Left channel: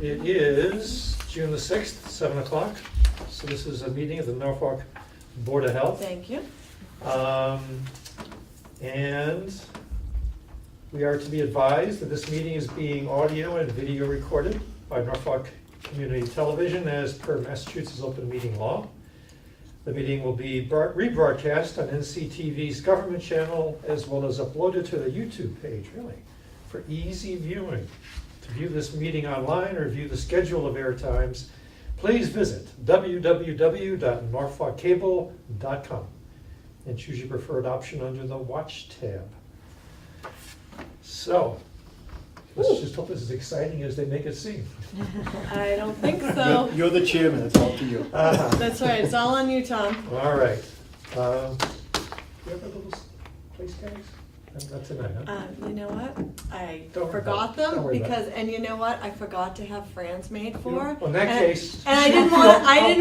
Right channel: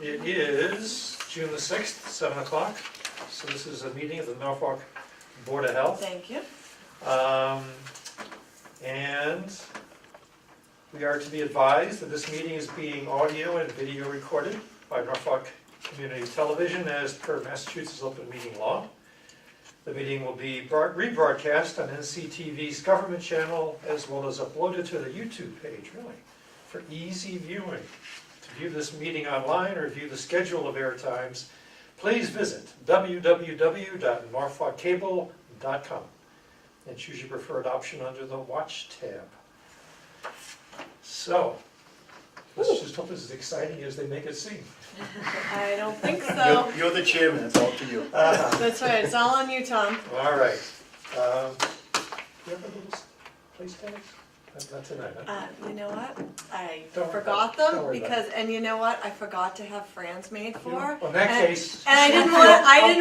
It is June the 6th, 7 o'clock. So this is a meeting of the Norfolk Board of Health. Thank you. And we are to be advised that this meeting is being audio and video recorded by Norfolk Community Television as per Massachusetts Open Meeting Law. The meeting will be rebroadcast on NCTV's government channel as well as uploaded to the YouTube page, really, for easy viewing. To view this meeting online or view the schedule of air times, please visit www.norfolkcable.com and choose your preferred option under the Watch tab. So, let's just hope this is exciting as they make it seem. I don't think so. You're the chairman, it's all to you. That's right, it's all on you, Tom. All right. Do you have a little place tags? Not tonight, huh? You know what? I Don't worry forgot about it. Don't them worry about because, and you know what? I forgot to have Fran's made for. Well, in that and, case. and I she'll didn't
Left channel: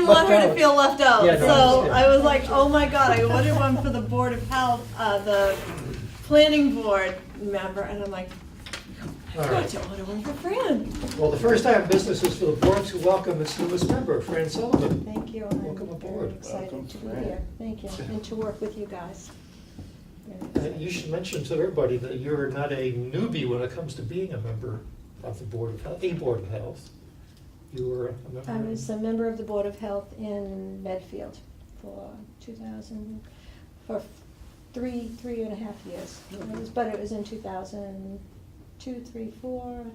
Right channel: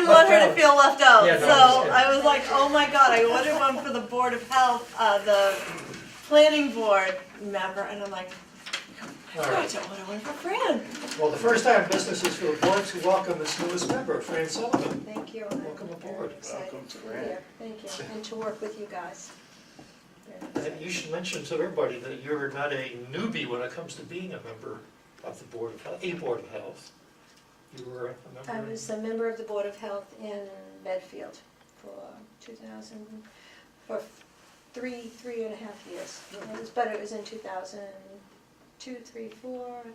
feel want her to out. feel left out. Yeah, no, I so understand. I was like, oh my god! I ordered one for the Board of Health, the planning board member, and I'm like, I All forgot right. to order one for Fran. Well, the first time business is for the board to welcome its newest member, Fran Sullivan. Thank you. Welcome I'm aboard. very excited Welcome, to be Fran. here. Thank you, and to work with you guys. Very excited. You should mention to everybody that you're not a newbie when it comes to being a member of the Board of Health, a Board of Health. You were a member. I was a member of the Board of Health in Medfield for 2000, for three and a half years. But it was in 2002, 3, 4,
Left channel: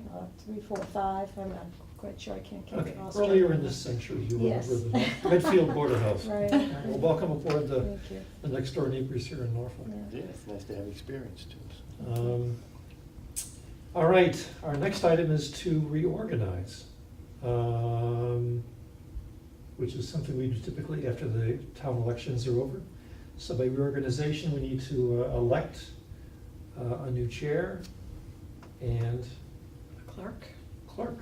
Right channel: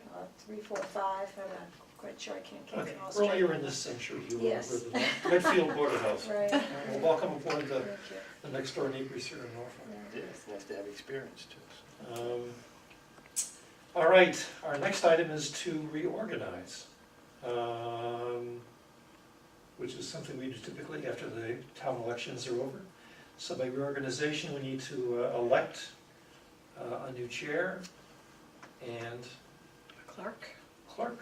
3, 4, 5. I'm not quite sure. I can't keep Okay, it all straight. earlier in this century, you were Yes. with the Medfield Board of Health. Right. Well, welcome aboard the Thank you. next door neighbors here in Norfolk. Yeah, it's nice to have experience too. All right, our next item is to reorganize, which is something we do typically after the town elections are over. So by reorganization, we need to elect a new chair and Clerk. clerk.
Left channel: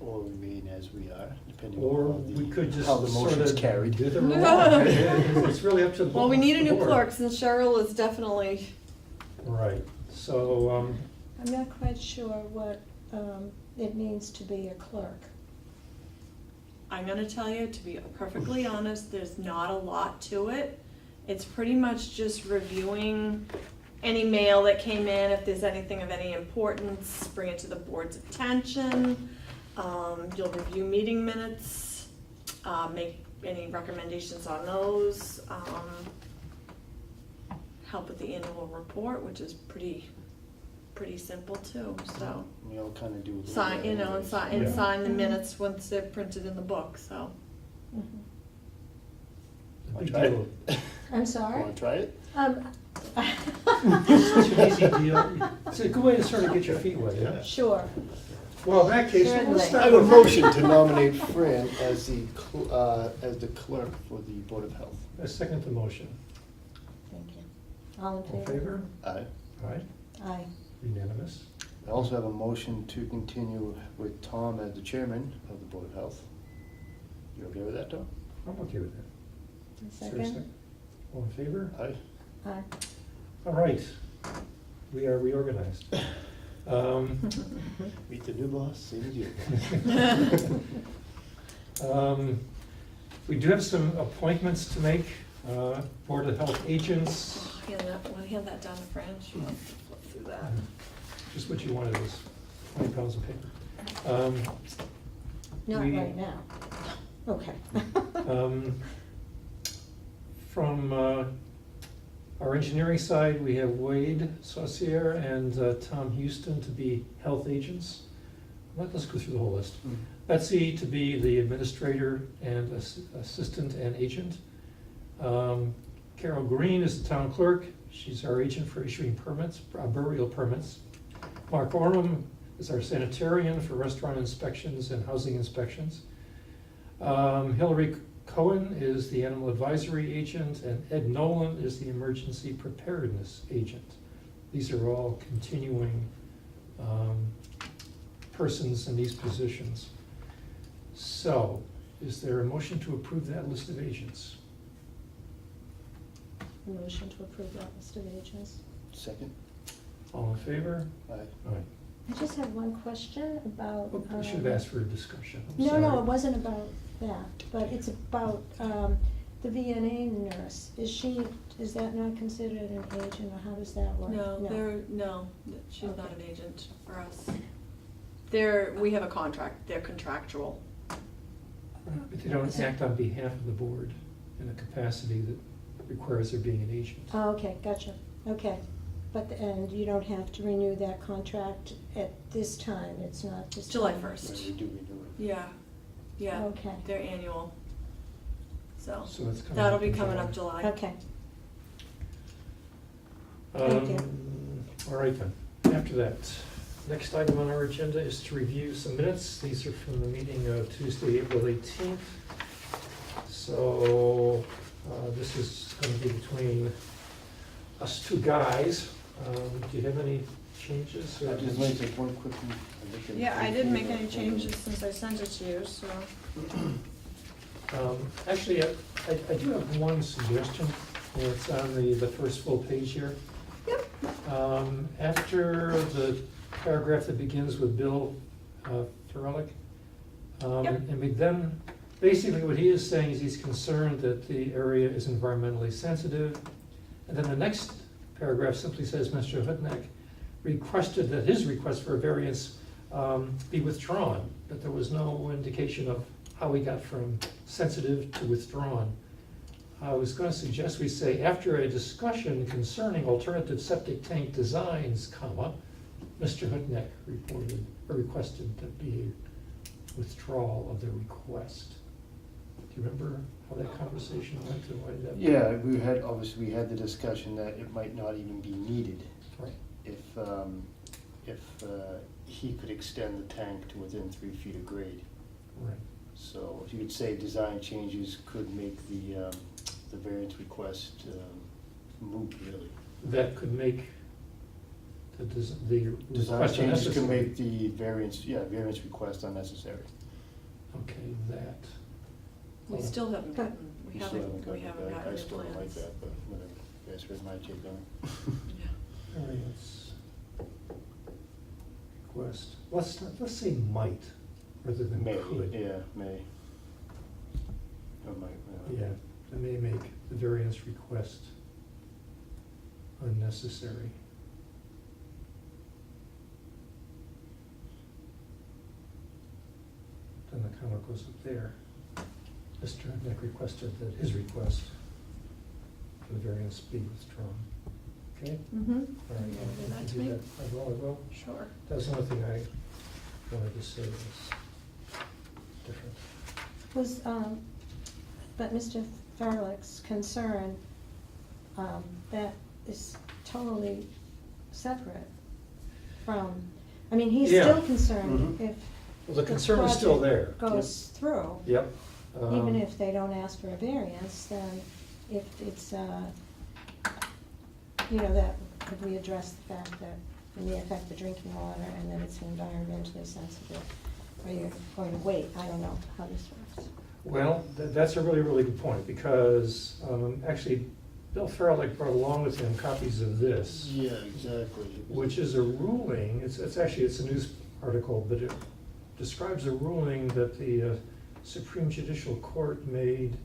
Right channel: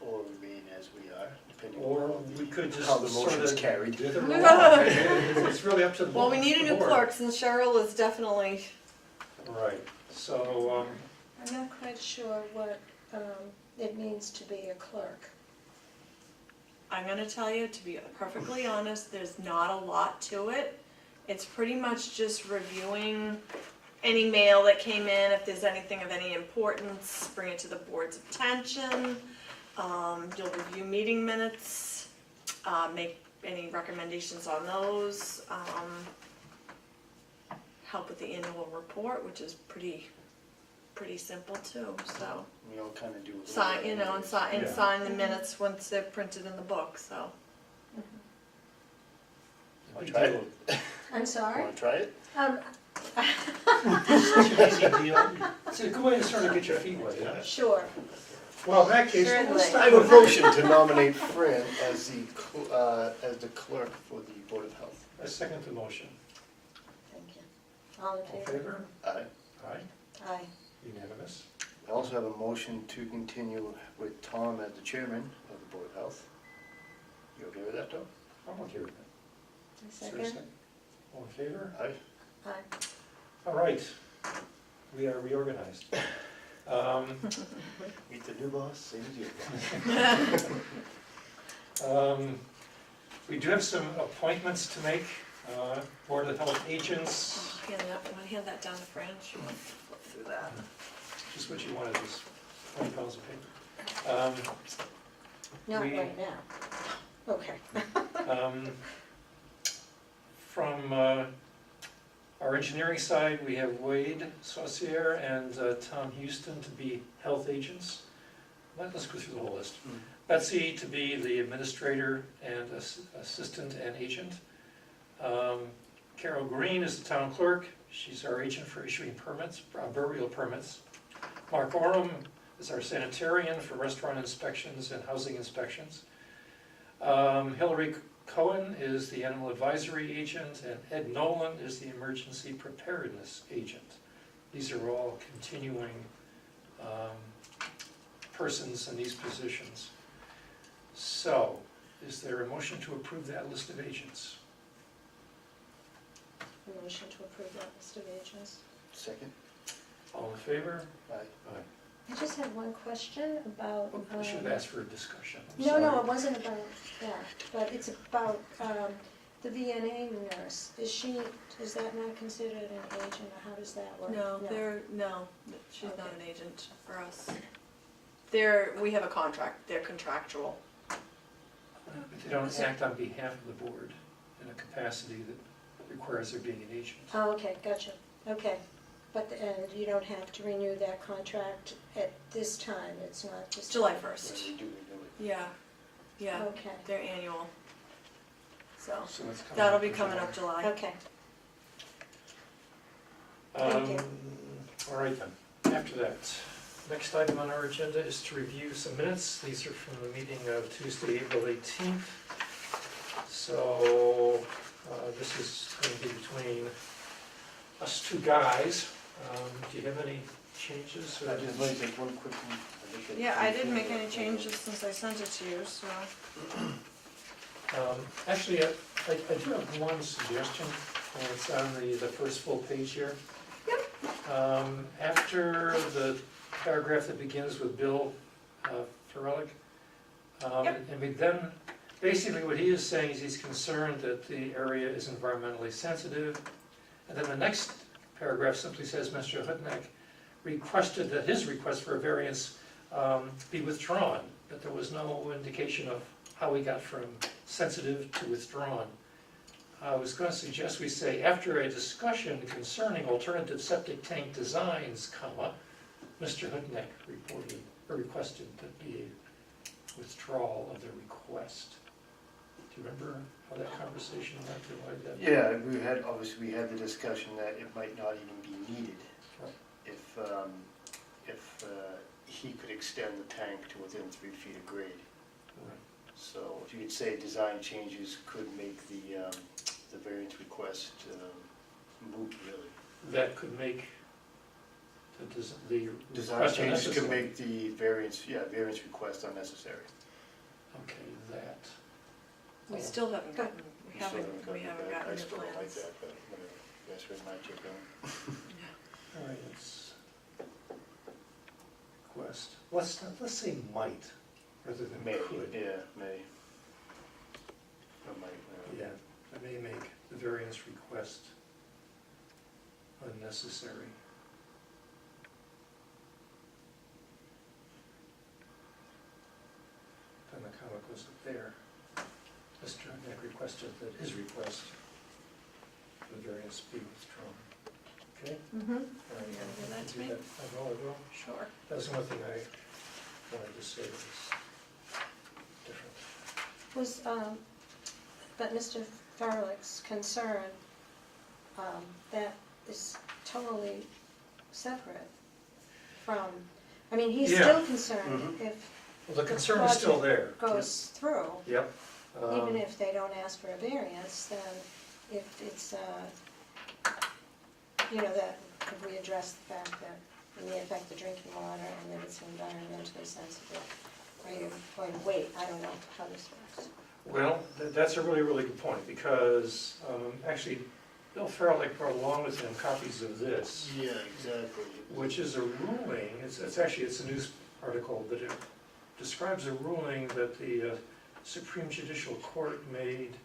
Or remain as we are, depending Or on we could just how the sort motion's of carried. dither along. It's really up to the Well, we need a new board. clerk since Cheryl is definitely. Right, so, I'm not quite sure what it means to be a clerk. I'm gonna tell you, to be perfectly honest, there's not a lot to it. It's pretty much just reviewing any mail that came in, if there's anything of any importance, bring it to the board's attention. You'll review meeting minutes, make any recommendations on those. Help with the annual report, which is pretty simple too, so. We all kind of do. a little Sign, bit you know, and anyways. Yeah. sign the minutes once they're printed in the book, so. Mhm. Wanna big try deal. it? I'm sorry? Want to try it? It's such an easy deal. It's a good way to sort of get your feet wet, yeah? Sure. Well, in that case, Certainly. let's I start have a with motion to nominate Fran as the clerk for the Board of Health. I second the motion. Thank you. All in All in favor? favor? Aye. Aye, Aye. unanimous. I also have a motion to continue with Tom as the chairman of the Board of Health. You okay with that, Tom? I'm okay with that. A Seriously? second? All in favor? Aye. Aye. All right, we are reorganized. Meet the new boss, same as you. We do have some appointments to make, Board of Health agents, Hand that down to Fran, she wants to flip through that. just what you wanted is 20 pounds of paper. Not We- right now. Okay. From our engineering side, we have Wade Saucier and Tom Houston to be health agents. Let's go through the whole list. Betsy to be the administrator and assistant and agent. Carol Green is the town clerk. She's our agent for issuing permits, burial permits. Mark Orem is our sanitarian for restaurant inspections and housing inspections. Hillary Cohen is the animal advisory agent, and Ed Nolan is the emergency preparedness agent. These are all continuing persons in these positions. So, is there a motion to approve that list of agents? Motion to approve that list of agents. Second? All in favor? Aye. Aye. I just have one question about. I should have asked for a discussion, I'm No, sorry. no, it wasn't about that, but it's about, the VNA nurse. Is that not considered an agent, or how does that work? No, she's not Okay. an agent for us. We have a contract, they're contractual. But they don't Is it- act on behalf of the board in a capacity that requires there being an agent. Oh, okay, gotcha, okay. And you don't have to renew that contract at this time, it's not this. July time. 1st. When we do renew it. Yeah, Okay, they're annual. So, So that's coming that'll up be in coming July. up July. okay. Thank you. All right then, after that, next item on our agenda is to review some minutes. These are from the meeting of Tuesday, April 18th. So, this is gonna be between us two guys. Do you have any changes? or- I'd just like to take one quick. look at Yeah, I didn't make any the- changes since I sent it to you, so. Actually, I do have one suggestion, and it's on the first full page here. Yep. After the paragraph that begins with Bill Ferrellick, Yep. and then, basically what he is saying is he's concerned that the area is environmentally sensitive. And then the next paragraph simply says, Mr. Hutnick requested that his request for a variance be withdrawn, but there was no indication of how we got from sensitive to withdrawn. I was gonna suggest we say, after a discussion concerning alternative septic tank designs, comma, Mr. Hutnick requested that be withdrawal of the request. Do you remember how that conversation went, or why that? Yeah, we had the discussion that it might not even be needed Right. if he could extend the tank to within 3 feet of grade. Right. So if you could say design changes could make the variance request moot, really. That could make the Design request changes could unnecessary. make the variance request unnecessary. Okay, that. We still haven't gotten, we You still haven't gotten it back. gotten I your still don't like plans. that, but whatever. That's where my take on it. Yeah. All right, it's request, let's say might, rather than May, could. yeah, may. Or might, Yeah, it may make the variance request unnecessary. Then the comma goes up there. Mr. Hutnick requested that his request for the variance be withdrawn. Okay? Mm-hmm. All right, You gonna do that I to can me? do that. I will. Sure. That's one thing I wanted to say was different. Was, but Mr. Farlick's concern, that is totally separate from, I mean, he's Yeah. still concerned Mhm. if Well, the The concern is still there. goes through, Yep. even if they don't ask for a variance, then if it's, that, could we address the fact that it may affect the drinking water and that it's environmentally sensitive? Or you're going to wait, I don't know how this works. Well, that's a really, really good point, because actually, Bill Farrelly brought along with him copies of this, Yeah, exactly. which is a ruling, it's a news article, but it describes a ruling that the Supreme Judicial Court made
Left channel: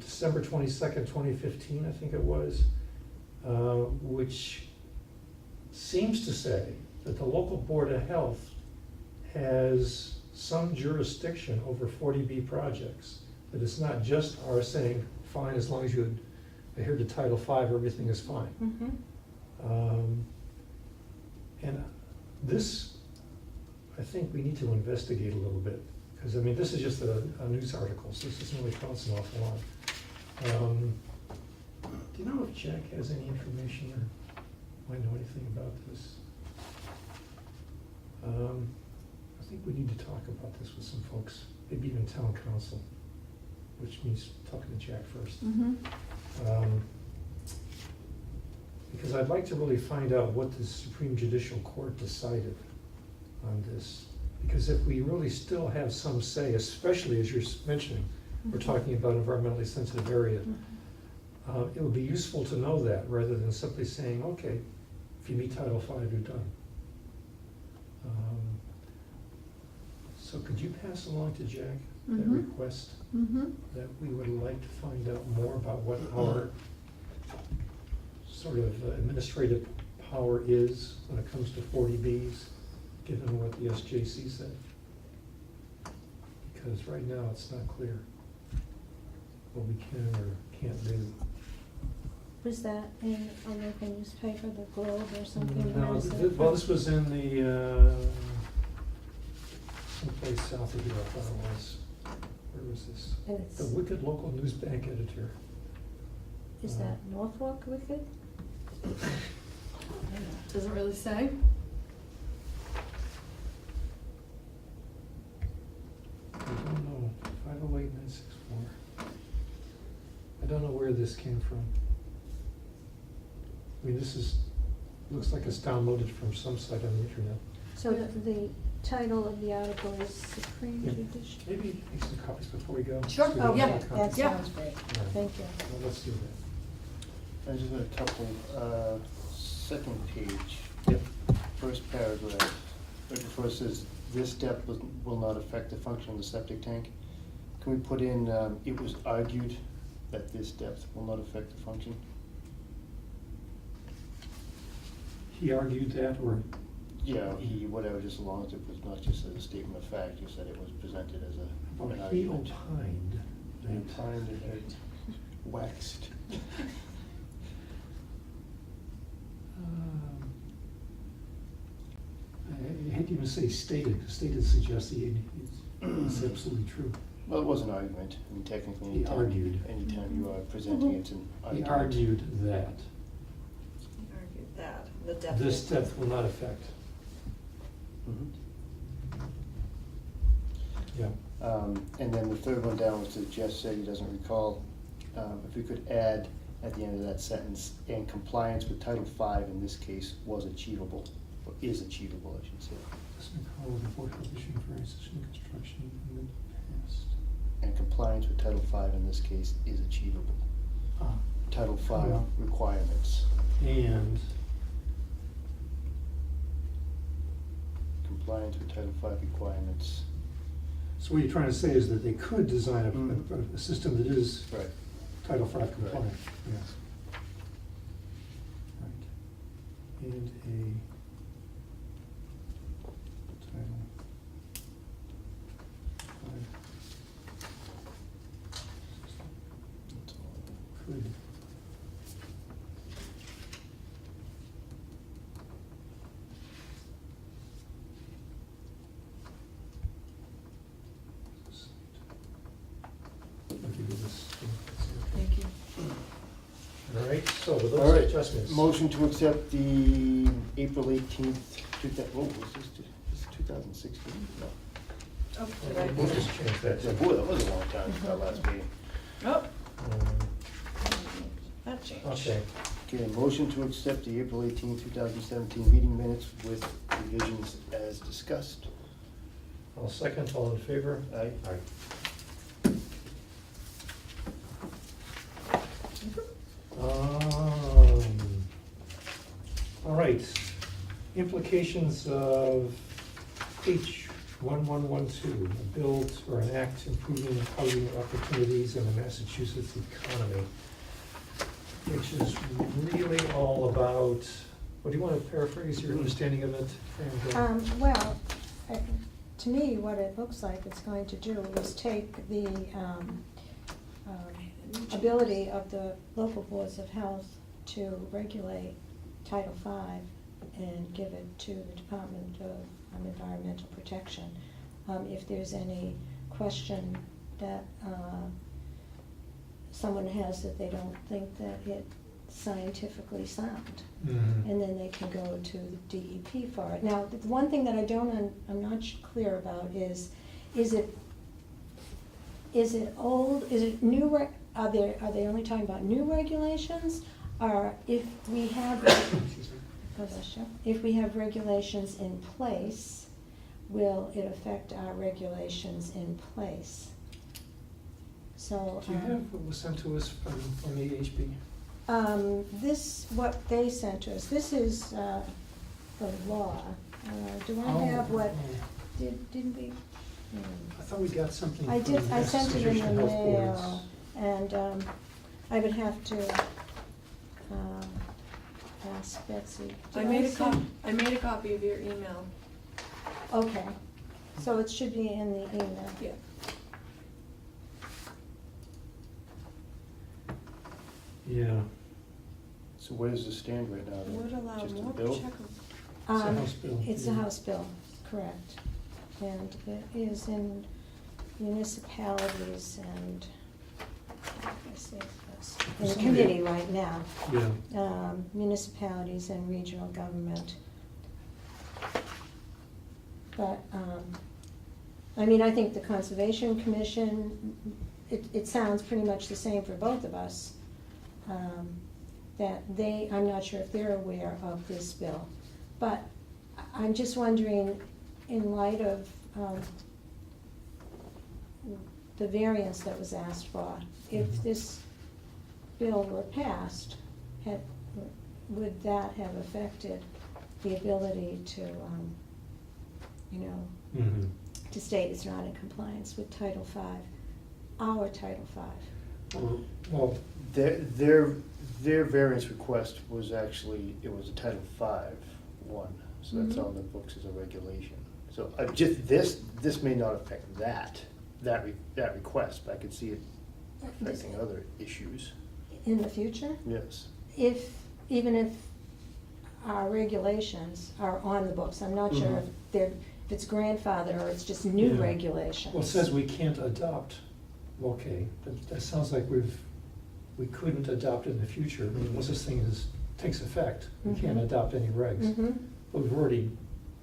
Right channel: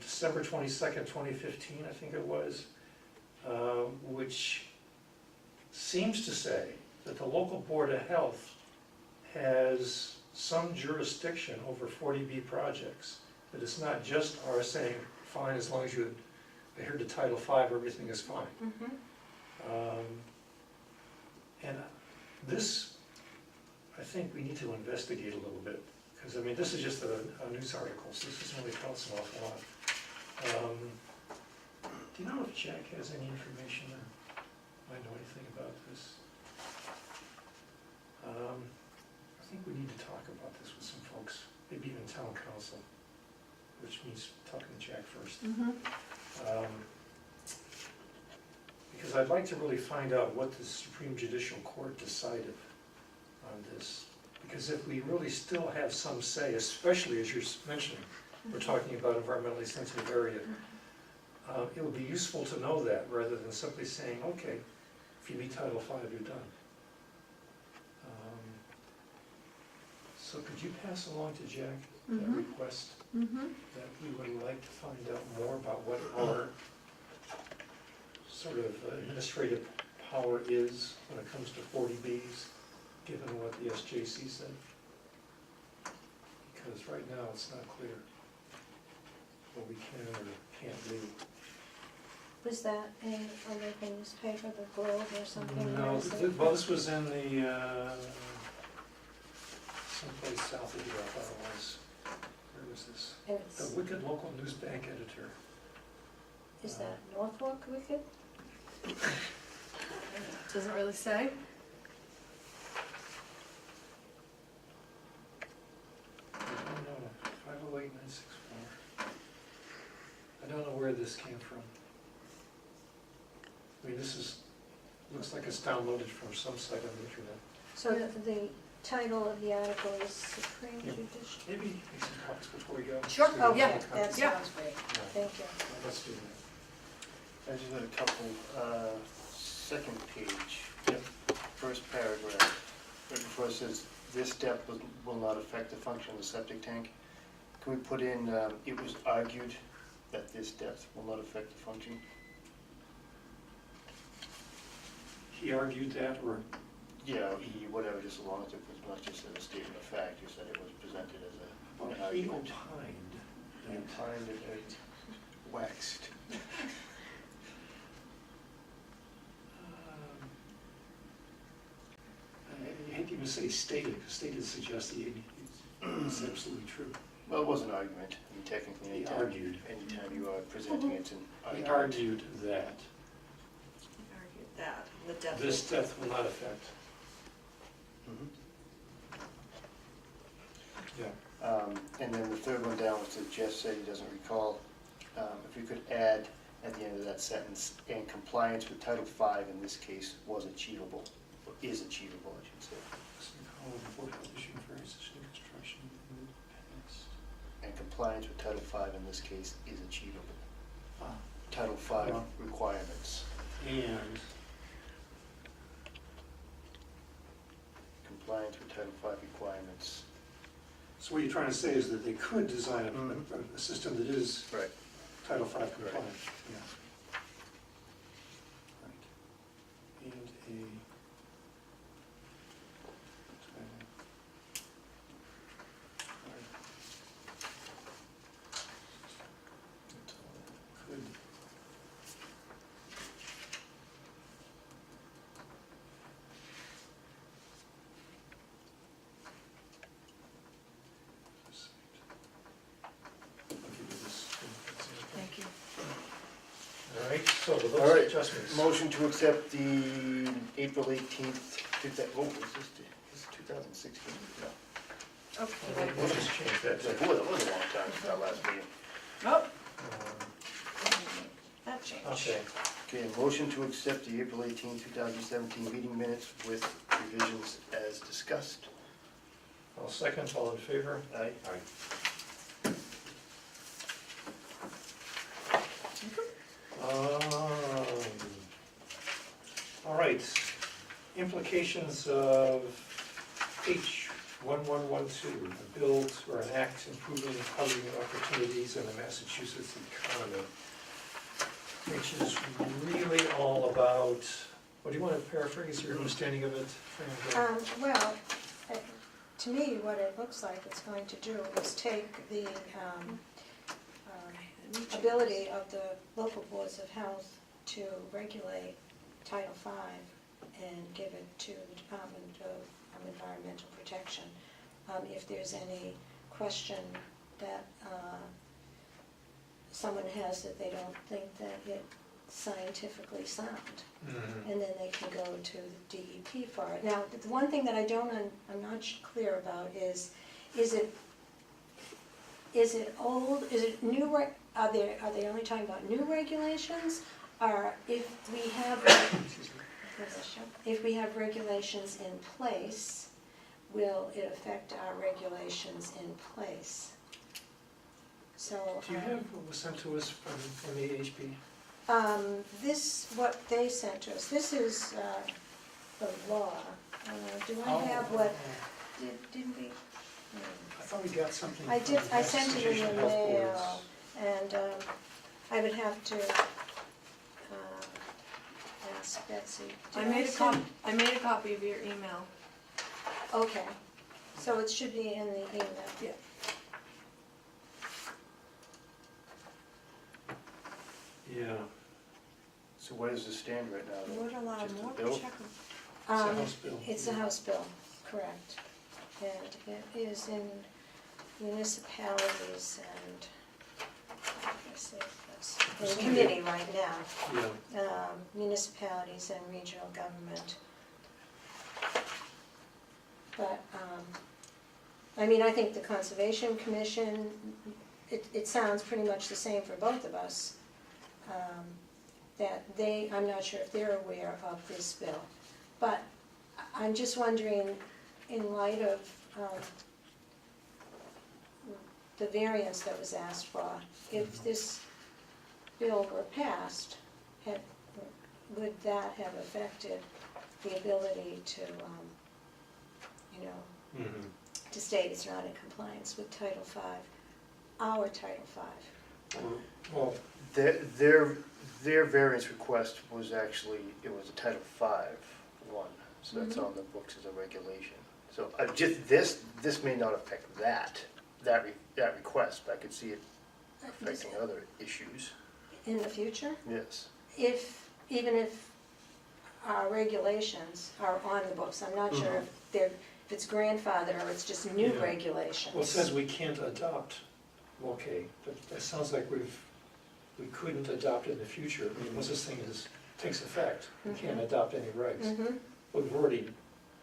December 22nd, 2015, I think it was, which seems to say that the local Board of Health has some jurisdiction over 40B projects. That it's not just our saying, fine, as long as you adhere to Title V, everything is fine. Mm-hmm. And this, I think we need to investigate a little bit, because I mean, this is just a news article, so this doesn't really tell us an awful lot. Do you know if Jack has any information or might know anything about this? I think we need to talk about this with some folks, maybe even town council, which means talking to Jack first. Mm-hmm. Because I'd like to really find out what the Supreme Judicial Court decided on this. Because if we really still have some say, especially as you're mentioning, we're talking about environmentally sensitive area, it would be useful to know that rather than simply saying, okay, if you meet Title V, you're done. So could you pass along to Jack that Mhm. request Mm-hmm. that we would like to find out more about what our sort of administrative power is when it comes to 40Bs, given what the SJC said? Because right now, it's not clear what we can or can't do. Was that in a local newspaper, the Globe or something? No, or is well, this was in the, someplace south of here, I thought it was. Where was this? It's, The Wicked Local News Bank Editor. is that Norfolk Wicked? Doesn't really say. I don't know, 508-964. I don't know where this came from. I mean, this is, looks like it's downloaded from some site on the internet. So the title of the article is Supreme Yeah. Judicial. Maybe make some copies before we go. Sure. So we Oh, don't yeah, have copies. that Yeah. sounds great. Yeah. Thank you. Well, let's do that. I just got a couple, second page. Yep. First paragraph, right before it says, this depth will not affect the function of the septic tank. Can we put in, it was argued that this depth will not affect the function? He argued that, or, Yeah, whatever, just as long as it was not just as a statement of fact, just that it was presented as an or he argument. opined He that. opined and it waxed. I hate to even say stated, because stated suggests it's absolutely true. Well, it was an argument, and technically, He argued. anytime you are presenting it, it's an He argument. argued that Argued that, the depth. this depth will not affect. Mhm. Yeah. And then the third one down was that Jeff said he doesn't recall, if we could add at the end of that sentence, and compliance with Title V in this case was achievable, or is achievable, I should say. Doesn't recall the board health issue for existing construction in the past. And compliance with Title V in this case is achievable. Ah, Title V Yeah. requirements, and, compliance with Title V requirements. so what you're trying to say is that they could design Mm. a system that is Right. Title V compliant, yeah. Right. And a Title V That's all. could. I'll give you this. Thank you. All right, so with All those right, adjustments. motion to accept the April 18th, was this 2016? No. Okay. We'll just change that. Boy, that was a long time since our last meeting. Oh, Um, that changed. Okay, Okay, motion to accept the April 18th, 2017 meeting minutes with revisions as discussed. I'll second, all in favor? Aye. Aye. All right, implications of H1112, a bill or an act improving housing opportunities in the Massachusetts economy, which is really all about, what do you want to paraphrase your understanding of it? Fran? Well, to me, what it looks like it's going to do is take the ability of the local boards of health to regulate Title V and give it to the Department of Environmental Protection. If there's any question that someone has that they don't think that it's scientifically sound, Mhm. and then they can go to the DEP for it. Now, the one thing that I'm not clear about is it old, is it new, are they only talking about new regulations? Or if we have, if we have regulations in place, will it affect our regulations in place? So. Do you have what was sent to us from the AHB? This, what they sent us, this is the law. Do I have what, didn't we? I thought we got something. I did, from I sent it in Association the of Health Boards. mail, and I would have to ask Betsy. I Did made a send- I made a copy of your email. Okay, so it should be in the email. Yeah. Yeah, So where does this stand right now? Would allow Just a more bill? check. it's a House bill. It's a yeah. House bill, correct. And it is in municipalities and, let's see, it's in committee right now. Yeah, Municipalities and regional government. But, I mean, I think the Conservation Commission, it sounds pretty much the same for both of us. That I'm not sure if they're aware of this bill. But I'm just wondering, in light of the variance that was asked for, if this bill were passed, would that have affected the ability to, mhm. to state it's not in compliance with Title V, our Title V? Well, Their variance request was actually, it was a Title V one, so that's Mhm. on the books as a regulation. So just this may not affect that request, but I could see it affecting other issues, In the future? yes. Even if our regulations are on the books, I'm not sure if it's grandfathered or it's just new Yeah. regulations. well, it says we can't adopt, okay, but that sounds like we couldn't adopt in the future. I mean, once this thing takes effect, we can't Mhm. adopt any regs. Mhm. But we've already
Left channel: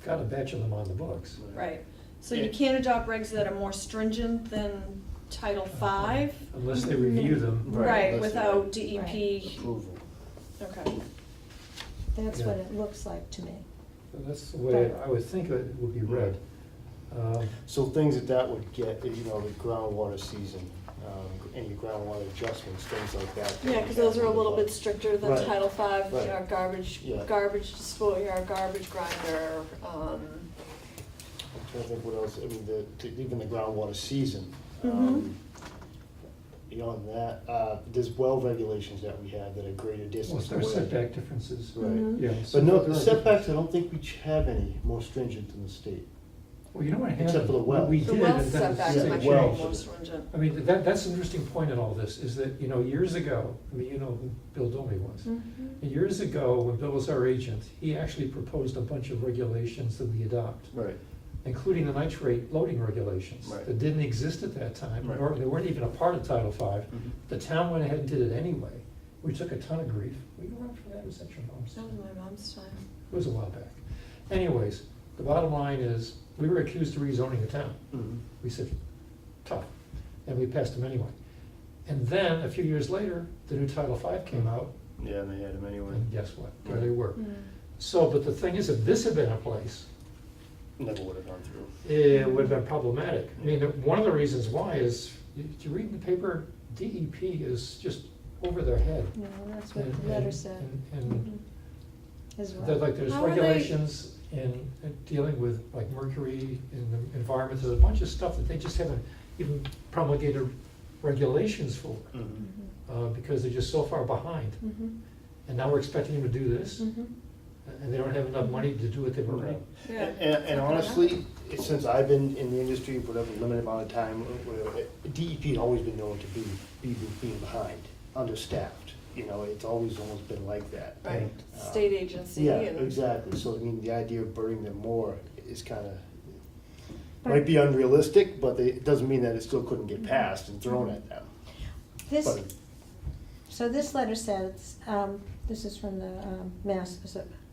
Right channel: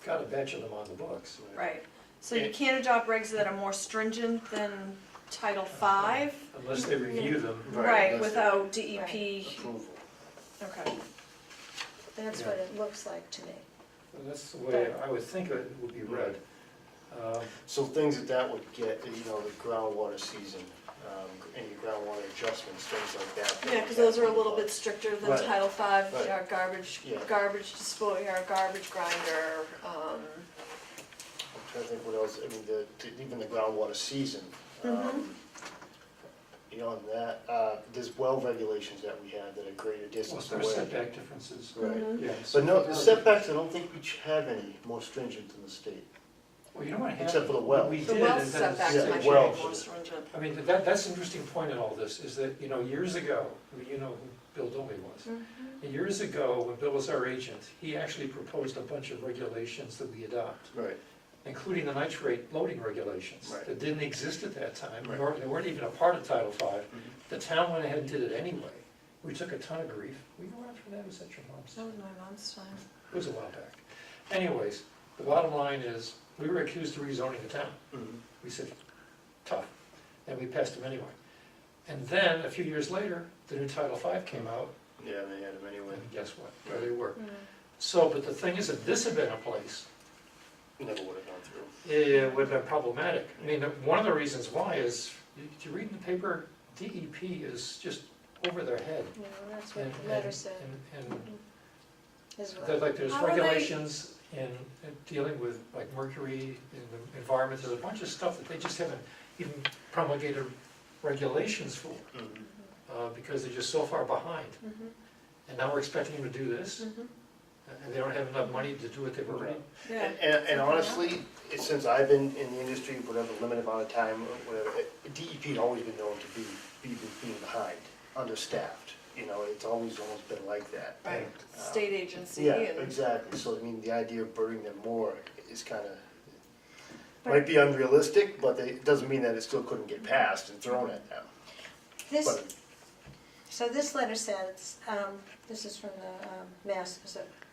got a batch of them on the books. Right. So you Yeah. can't adopt regs that are more stringent than Title V? Unless they review them. Right, unless without they- DEP. Approval. Okay. That's Yeah. what it looks like to me. So that's the way I would think it would be read. So things that would get, the groundwater season, any groundwater adjustments, things like that. Yeah, because those are a little bit stricter than Right. Title V, Right. our garbage, Yeah. garbage disposal, our garbage grinder, I'm trying to think what else, I mean, even the groundwater season. Mhm. Beyond that, there's well regulations that we have that are greater Well, distance there are away. setback differences. Right. Mhm. Yeah. But no, there the are setbacks, I don't think we have any more stringent than the state. Well, you know what happened? Except for the well. We the did, well and then the setbacks yeah, might be well. more stringent. I mean, that's an interesting point in all this, is that, years ago, I mean, you know who Bill Domi was. Mhm. And years ago, when Bill was our agent, he actually proposed a bunch of regulations that we adopt, Right. including the nitrate loading regulations. Right. That didn't exist at that time, Right. or they weren't even a part of Title V. The town went ahead and did it anyway. We took a ton of grief. Were you around for that? Was that your mom's? That was my mom's time. It was a while back. Anyways, the bottom line is, we were accused of rezoning the town. Mhm. We said, tough, and we passed them anyway. And then, a few years later, the new Title V came out, Yeah, and they had them anyway. and guess what? There Right. they were. Mhm. So, but the thing is, if this had been in place, Never would have gone through. it would have been problematic. I mean, one of the reasons why is, did you read in the paper, DEP is just over their head. No, that's what And- the letter and- said. And Mhm. As That, well. like, there's How are they- regulations in dealing with like mercury in the environment, there's a bunch of stuff that they just haven't even promulgated regulations for, Mhm. because they're just so far behind. Mhm. And now we're expecting them to do this, Mhm. and they don't have enough money to do what they've already. Yeah. And honestly, since I've been in the industry, whatever limited amount of time, or whatever, DEP has always been known to being behind, understaffed. It's always almost been like that. Right, state agency Yeah, and. exactly. So, I mean, the idea of burning them more is kind of, But- might be unrealistic, but it doesn't mean that it still couldn't get passed and thrown at them. This, But, so this letter says, this is from the Mass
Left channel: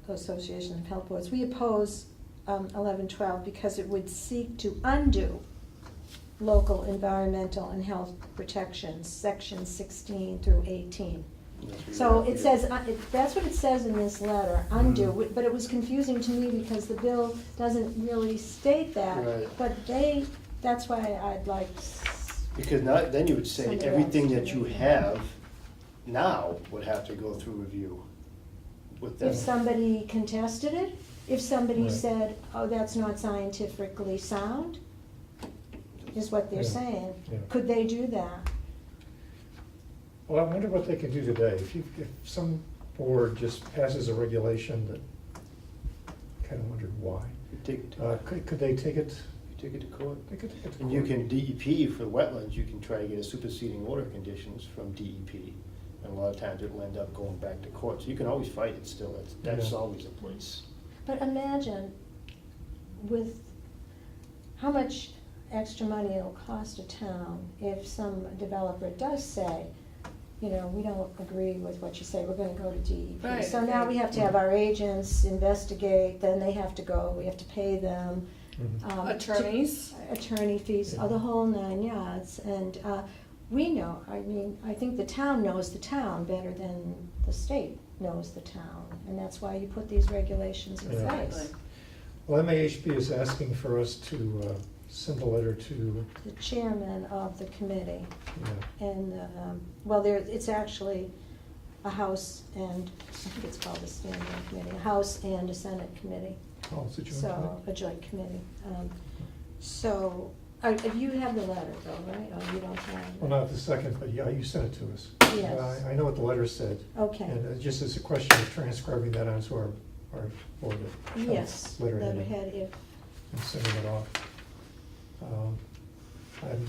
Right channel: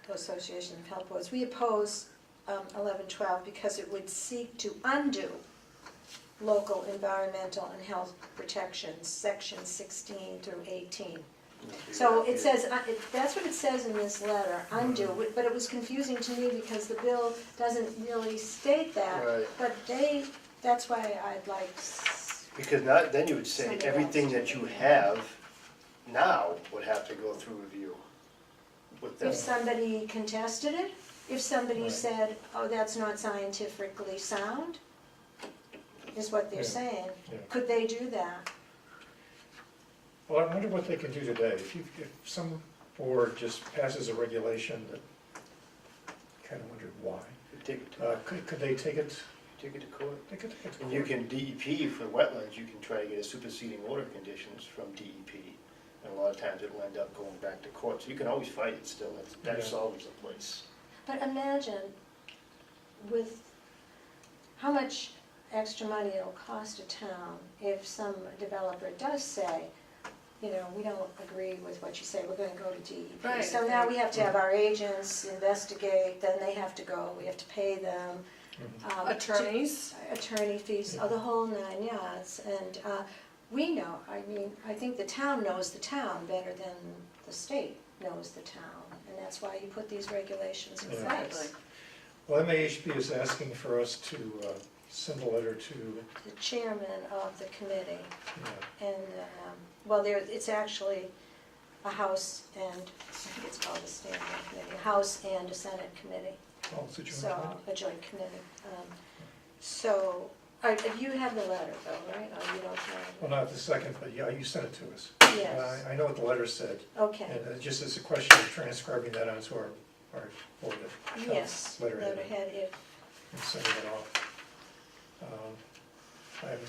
Association of Health Boards. We oppose 1112 because it would seek to undo local environmental and health protections, sections 16 through 18. So it says, that's what it says in this letter, undo, but it was confusing to me because the bill doesn't really state that. Right. But that's why I'd like, Because then you would say Somebody everything else to that do you it. have now would have to go through review with them. if somebody contested it, if somebody Right. said, oh, that's not scientifically sound, is what they're Yeah. saying, Yeah. could they do that? Well, I wonder what they could do today. If some board just passes a regulation that, kind of wondered why. Take it to Could they take it, take it to court. they could take it to And you court? can, DEP for wetlands, you can try to get a superseding order of conditions from DEP. And a lot of times it'll end up going back to court, so you can always fight it still, that Yeah. solves the place. But imagine with how much extra money it'll cost a town if some developer does say, you know, we don't agree with what you say, we're gonna go to DEP. Right. So now we have to have our agents investigate, then they have to go, we have to pay them. Mhm. Attorneys. Attorney fees, Yeah. the whole 9 yards, and we know, I mean, I think the town knows the town better than the state knows the town, and that's why you put these regulations in Yeah. place. Exactly. Well, MAHB is asking for us to send a letter to, The chairman of the committee, yeah, and, well, it's actually a House and, I think it's called a standing committee, a House and a Senate committee, oh, it's a joint so, committee? a joint committee. So, you have the letter though, right? Or you don't have it? Well, not the second, but yeah, you sent it to us. Yes. I know what the letter said, Okay. and just as a question of transcribing that onto our board of Yes, health letterhead letterhead, if, and sending it off. I'm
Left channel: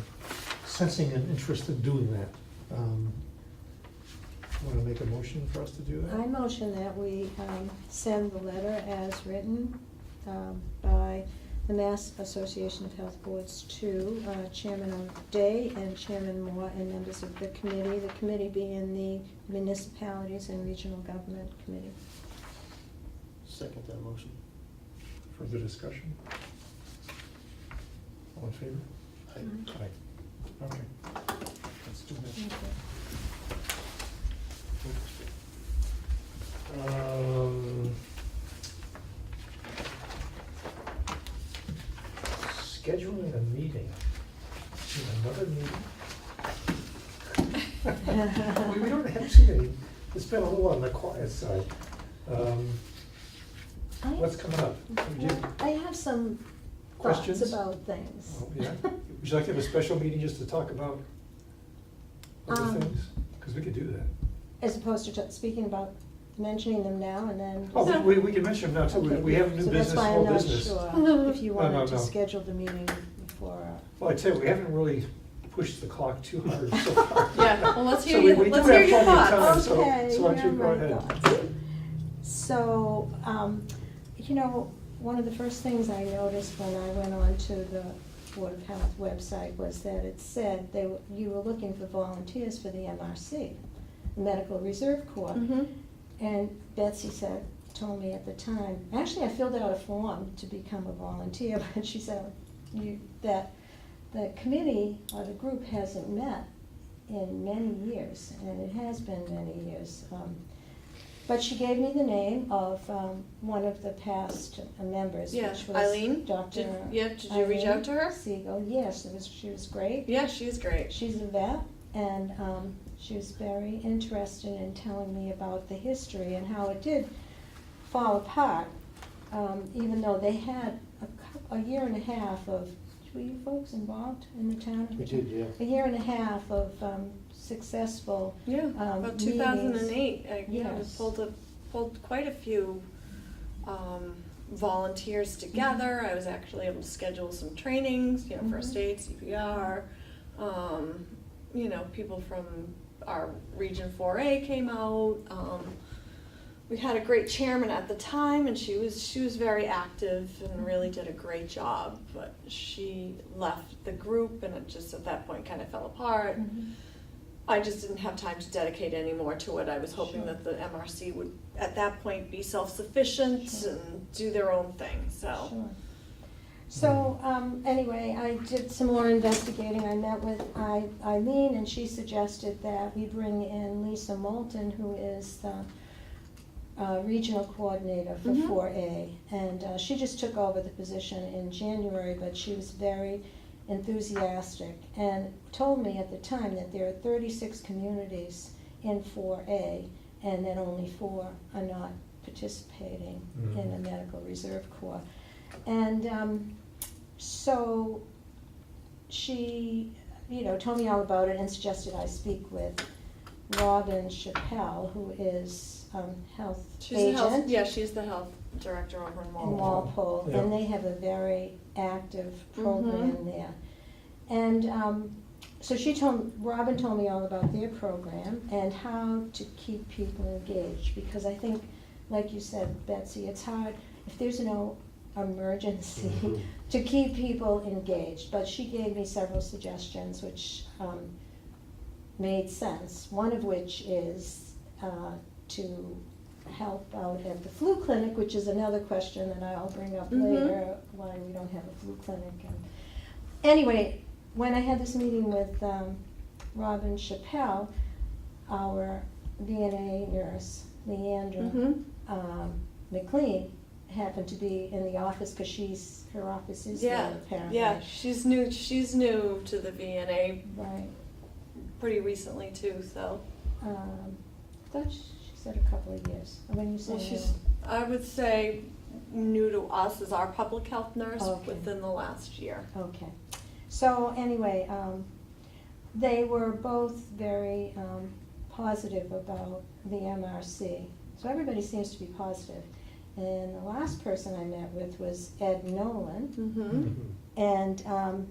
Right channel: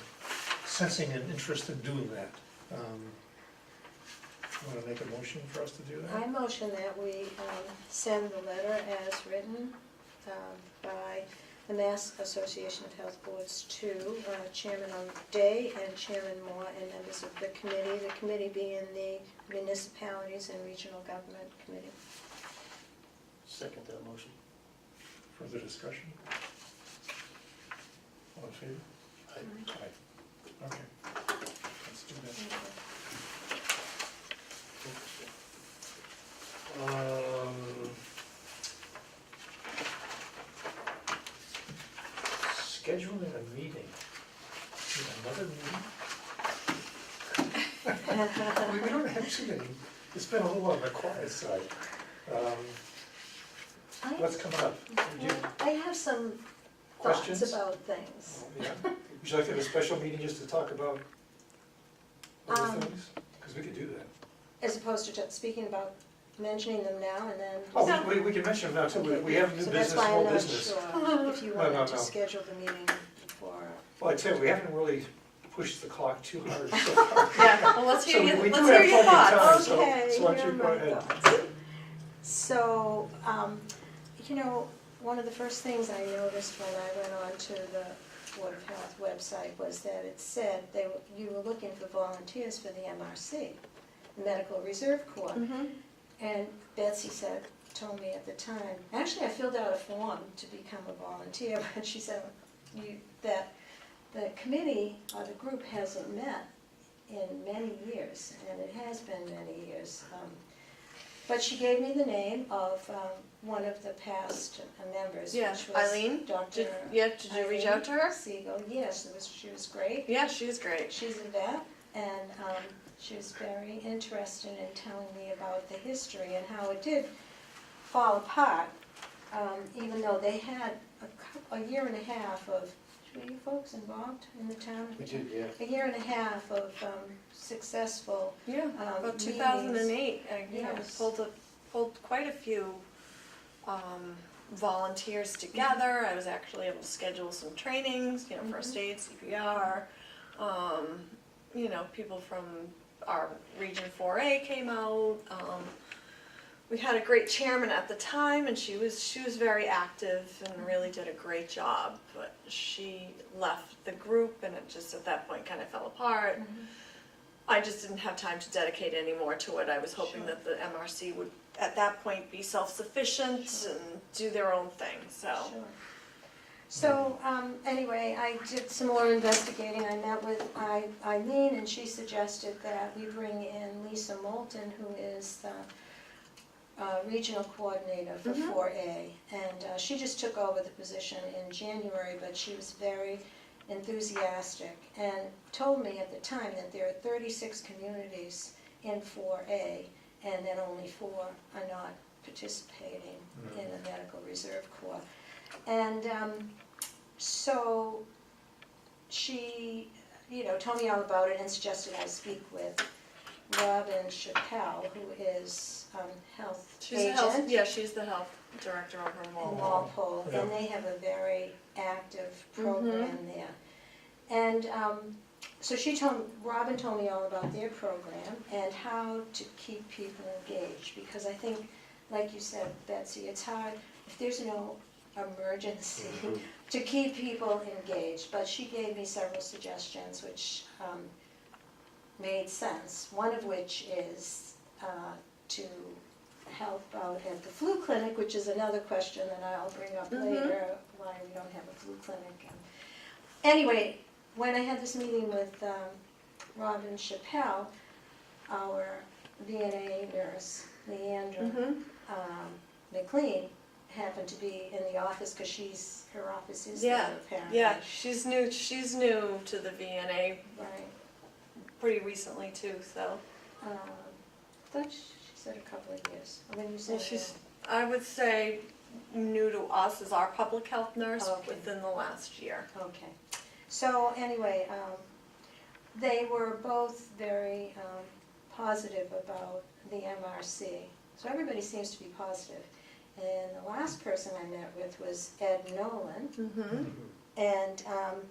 sensing an interest in doing that. Want to make a motion for us to do that? I motion that we send the letter as written by the Mass Association of Health Boards to Chairman Day and Chairman Moore and members of the committee being the Municipalities and Regional Government Committee. Second that motion. Further discussion? All in favor? I- Aye. Okay. Let's do that. Scheduling a meeting. Another meeting? We don't have too many. It's been a little on the quiet side. What's coming up? Do you- Well, I have some thoughts Questions? about things. Oh, yeah? Would you like to have a special meeting just to talk about other Um, things? Because we could do that. As opposed to speaking about mentioning them now and then. Oh, No. we can mention them now too. Okay, We have new so that's business, why I'm old not business. sure if you No, wanted no, to no. schedule the meeting for, Well, I tell you, we haven't really pushed the clock too hard so far. Yeah, well, let's So hear we you, do let's have hear your plenty of thoughts. time, so- Okay, so why don't you here go are my ahead. thoughts. So, you know, one of the first things I noticed when I went on to the Board of Health website was that it said you were looking for volunteers for the MRC, the Medical Reserve Corps. Mhm. And Betsy told me at the time, actually I filled out a form to become a volunteer, but she said that the committee or the group hasn't met in many years, and it has been many years. But she gave me the name of one of the past members, Yeah, which was Eileen? Dr. Did you reach out to her? Siegel. Yes, she was great. Yeah, she's great. She's a vet, and she was very interested in telling me about the history and how it did fall apart, even though they had a year and a half of, were you folks involved in the town? We did, yeah. A year and a half of successful, Yeah, about 2008, yeah, we Yes. pulled quite a few volunteers together. I was actually able to schedule some trainings, you know, first aid, CPR. You know, people from our Region 4A came out. We had a great chairman at the time, and she was very active and really did a great job. But she left the group, and it just at that point kind of fell apart. I just didn't have time to dedicate any more to it. I was hoping Sure. that the MRC would, at that point, be self-sufficient Sure. and do their own thing, so. Sure. So, anyway, I did some more investigating. I met with Eileen, and she suggested that we bring in Lisa Moulton, who is the regional coordinator for Mhm. 4A. And she just took over the position in January, but she was very enthusiastic and told me at the time that there are 36 communities in 4A, and that only 4 are not participating Mhm. in the Medical Reserve Corps. And so she, told me all about it and suggested I speak with Robin Chappelle, who is health She's the agent health, yeah, she's the health director over in in Walpole. Walpole, Yeah. and they have a very active program Mhm. there. And so Robin told me all about their program and how to keep people engaged, because I think, like you said, Betsy, it's hard if there's no emergency Mhm. to keep people engaged. But she gave me several suggestions which made sense, one of which is to help out at the flu clinic, which is another question that I'll bring up Mhm. later, why we don't have a flu clinic. And anyway, when I had this meeting with Robin Chappelle, our VNA nurse, Leandra Mhm. McLean, happened to be in the office because her office is Yeah, there apparently. yeah, she's new to the VNA Right. pretty recently too, so. Thought she said a couple of years. When you say Well, she's, I would say, new to us as our public health nurse Okay. within the last year. Okay. So anyway, they were both very positive about the MRC. So everybody seems to be positive. And the last person I met with was Ed Nolan. Mm-hmm. Mhm. And,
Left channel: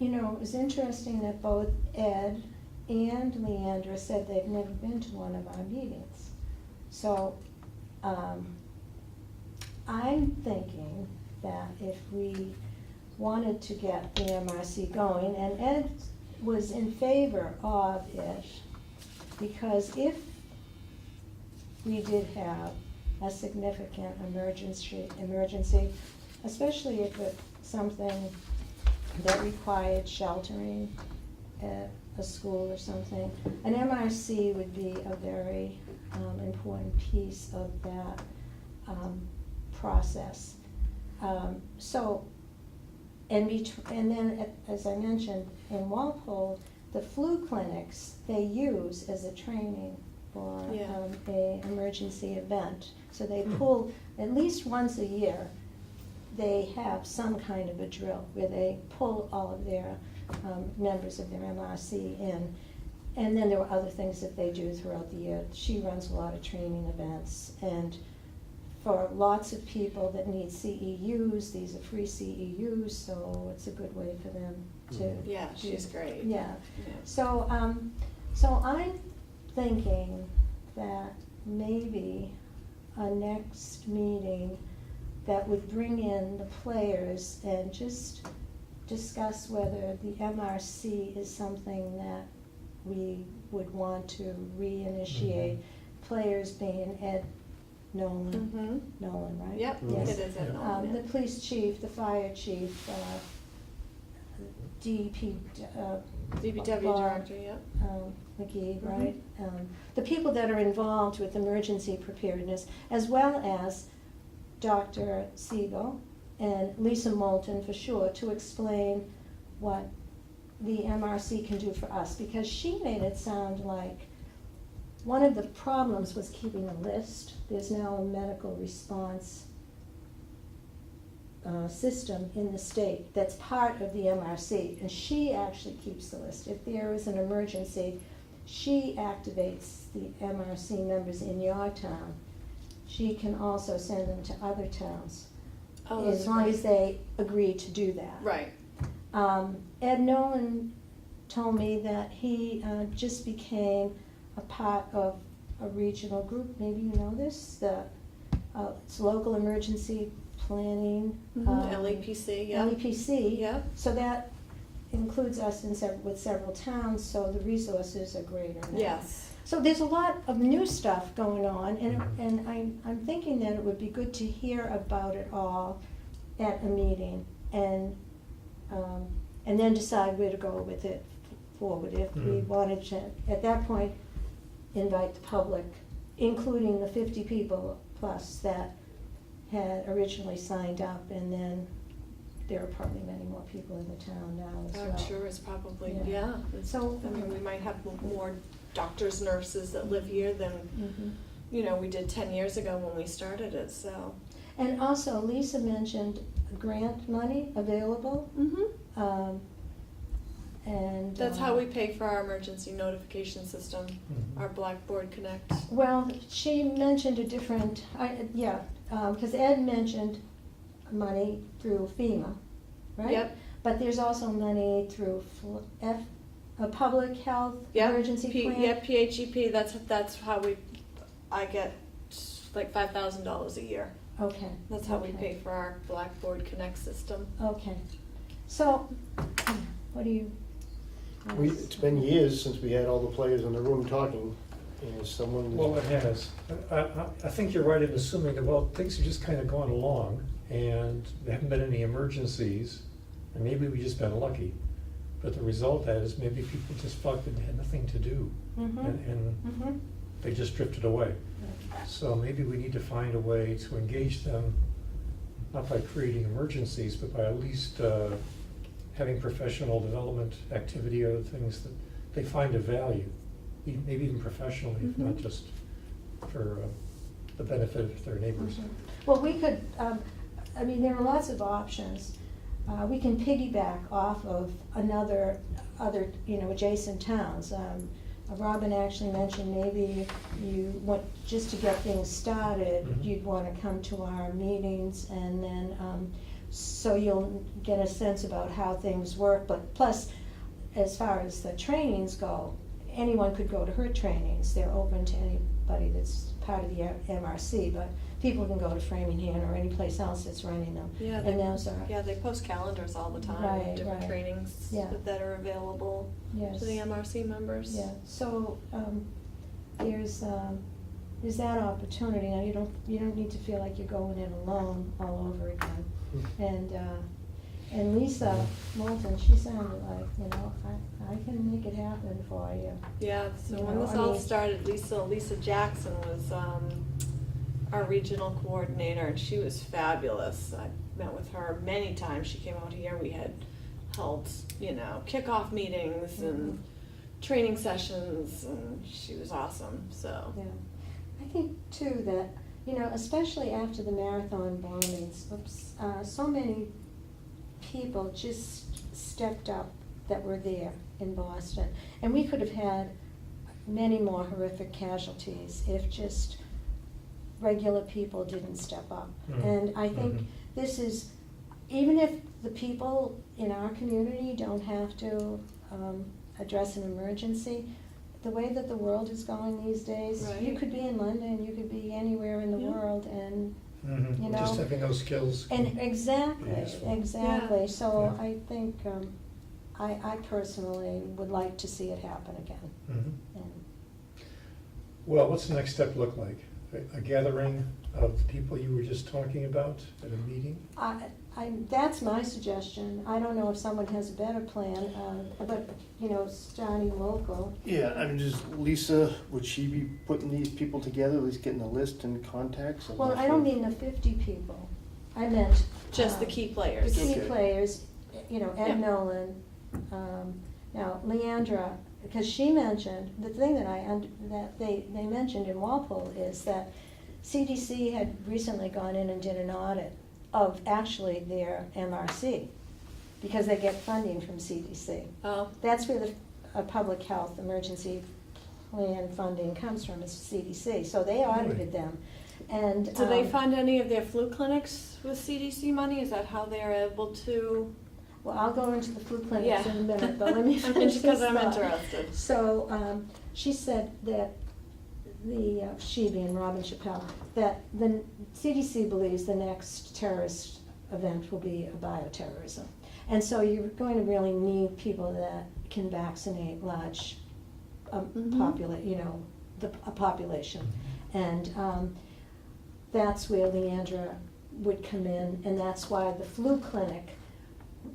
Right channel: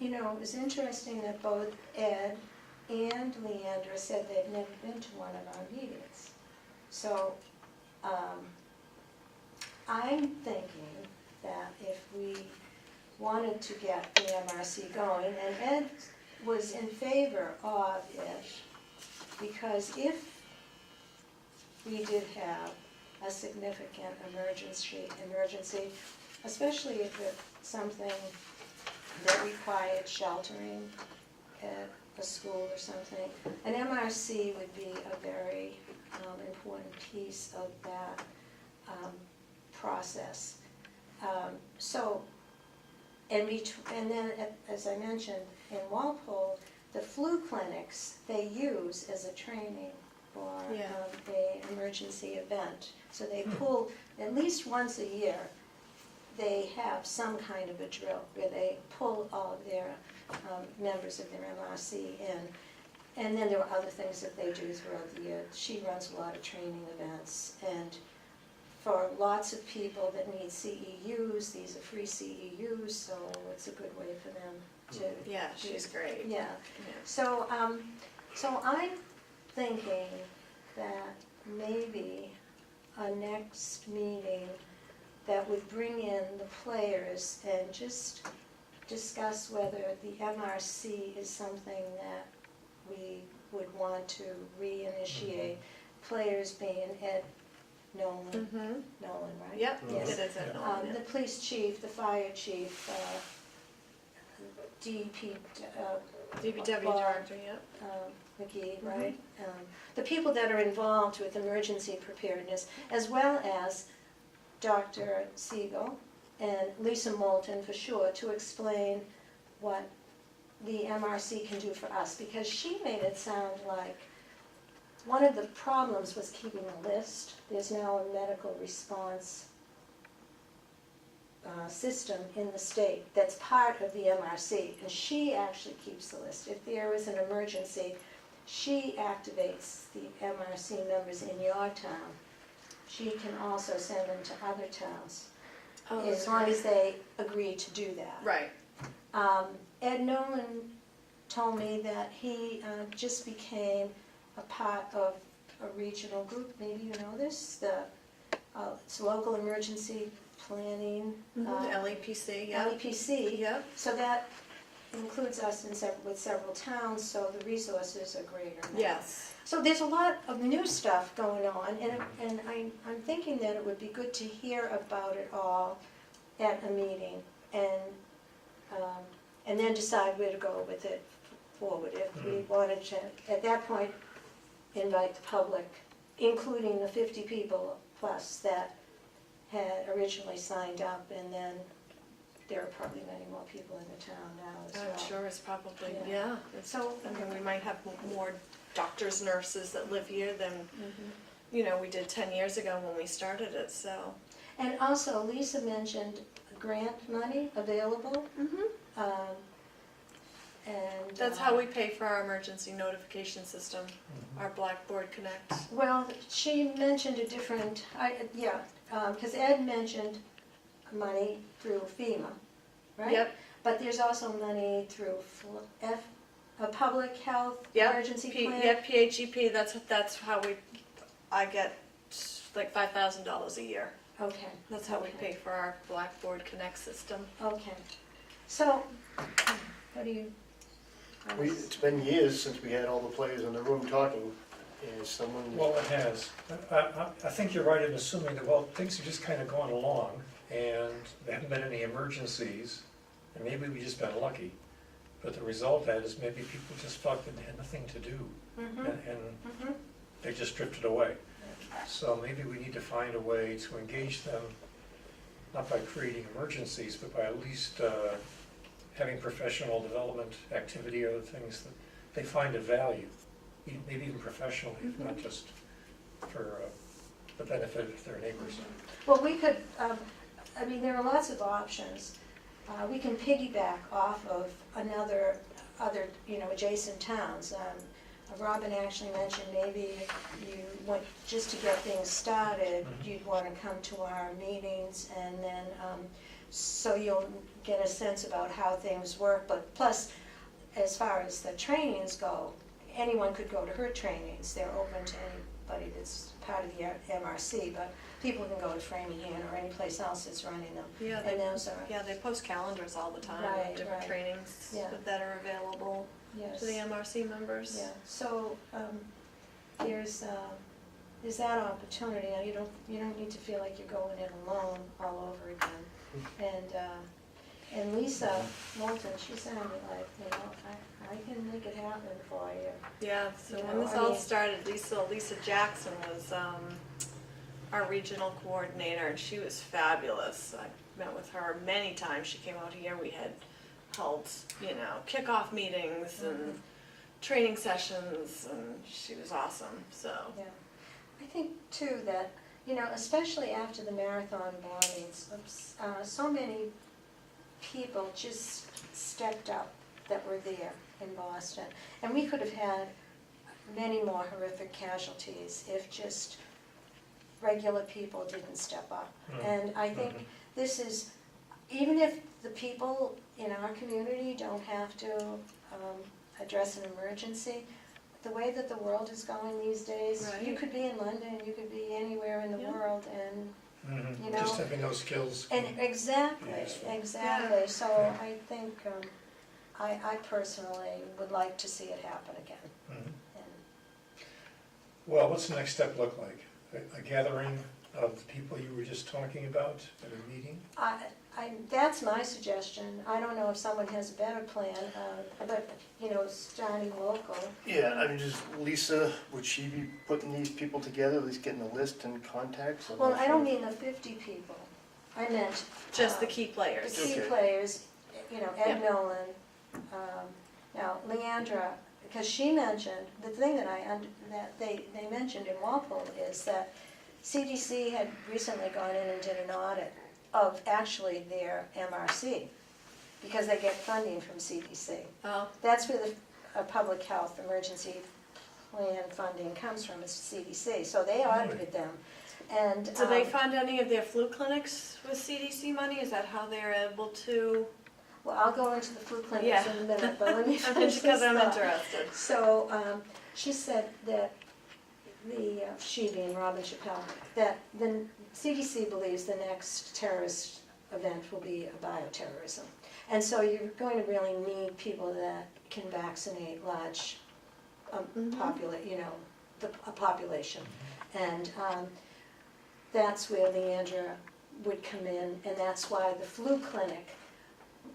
it was interesting that both Ed and Leandra said they've never been to one of our meetings. So I'm thinking that if we wanted to get the MRC going, and Ed was in favor of it, because if we did have a significant emergency, especially if it's something that required sheltering at a school or something, an MRC would be a very important piece of that process. And then, as I mentioned, in Walpole, the flu clinics they use as a training for Yeah. a emergency event. So they pull, at least once a year, they have some kind of a drill where they pull all of their members of their MRC in. And then there are other things that they do throughout the year. She runs a lot of training events, and for lots of people that need CEUs, these are free CEUs, so it's a good way for them to. Yeah, she's great. Yeah, Yeah. so, I'm thinking that maybe a next meeting that would bring in the players and just discuss whether the MRC is something that we would want to reinitiate. Players being Ed Nolan, Mm-hmm. right? Yep, Yes. it is at all, The police chief, the fire chief, DP, DPW Bob, director, yep. McGee, Mhm. right? The people that are involved with emergency preparedness, as well as Dr. Siegel and Lisa Moulton for sure, to explain what the MRC can do for us, because she made it sound like one of the problems was keeping a list. There's now a medical response system in the state that's part of the MRC, and she actually keeps the list. If there is an emergency, she activates the MRC members in your town. She can also send them to other towns, Oh, as that's long great. as they agree to do that. Right. Ed Nolan told me that he just became a part of a regional group, maybe you know this, it's Local Emergency Planning. LEPC, yeah. LEPC. Yep. So that includes us with several towns, so the resources are greater now. Yes. So there's a lot of new stuff going on, and I'm thinking that it would be good to hear about it all at a meeting, and then decide where to go with it forward. If we wanted to, at that point, invite the public, including the 50 people plus that had originally signed up, and then there are probably many more people in the town now as well. I'm sure it's probably, Yeah. yeah. So- I mean, we might have more doctors, nurses that live here than Mhm. we did 10 years ago when we started it, so. And also, Lisa mentioned grant money available, and. That's how we pay for our emergency notification system, Mhm. our Blackboard Connect. Well, she mentioned a different, because Ed mentioned money through FEMA, right? Yep. But there's also money through a public health Yep. emergency plan. Yeah, PHEP, that's how I get like $5,000 a year. Okay. That's how we Okay. pay for our Blackboard Connect system. Okay. So, what do you? It's been years since we had all the players in the room talking, and someone. Well, it has. I think you're right in assuming that, well, things have just kind of gone along, and there haven't been any emergencies, and maybe we've just been lucky. But the result of that is maybe people just felt that they had nothing to do, and they just drifted away. So maybe we need to find a way to engage them, not by creating emergencies, but by at least having professional development activity or things that they find of value, maybe even professionally, if not just for the benefit of their neighbors. Well, we could, there are lots of options. We can piggyback off of other, adjacent towns. Robin actually mentioned maybe you want, just to get things started, you'd want to come to our meetings, and then, so you'll get a sense about how things work. But plus, as far as the trainings go, anyone could go to her trainings. They're open to anybody that's part of the MRC, but people can go to Framingham or any place else that's running them. Yeah, And those are, they post calendars all the time Right, of different right. trainings Yeah. that are available yes. to the MRC members. Yeah, so, there's that opportunity. Now, you don't need to feel like you're going in alone all over again. And Lisa Moulton, she sounded like, I can make it happen for you. Yeah, so You when know, this I all mean- started, Lisa Jackson was our regional coordinator, and she was fabulous. I met with her many times. She came out here. We had held, kickoff meetings and training sessions, and she was awesome. So Yeah, I think too that, especially after the marathon bombings, so many people just stepped up that were there in Boston. And we could have had many more horrific casualties if just regular people didn't step up. And I think this is, even if the people in our community don't have to address an emergency, the way that the world is going these days, you Right. could be in London, you could be anywhere in the Yeah. world, and Mhm. You Just know, having those skills. and exactly, Useful. exactly. So Yeah. I think I personally would like to see it happen again. Mhm. And Well, what's the next step look like? A gathering of the people you were just talking about at a meeting? that's my suggestion. I don't know if someone has a better plan, but starting local. Yeah, just Lisa, would she be putting these people together, at least getting a list and contacts? I'm Well, not I sure. don't mean the 50 people. I meant just the key players. the key Okay. players. Ed Yeah. Nolan. Now, Leandra, because she mentioned the thing that they mentioned in Walpole is that CDC had recently gone in and did an audit of actually their MRC, because they get funding from CDC. Oh, That's where the public health emergency plan funding comes from, is CDC. So they audited them. And do they fund any of their flu clinics with CDC money? Is that how they're able to? Well, I'll go into the flu clinics Yeah. in a minute, but let me I'm finish because this I'm thought. interested. So she said that she being Robin Chappelle, that the CDC believes the next terrorist event will be a bioterrorism. And so you're going to really need people that can vaccinate large a population. And that's where Leandra would come in, and that's why the flu clinic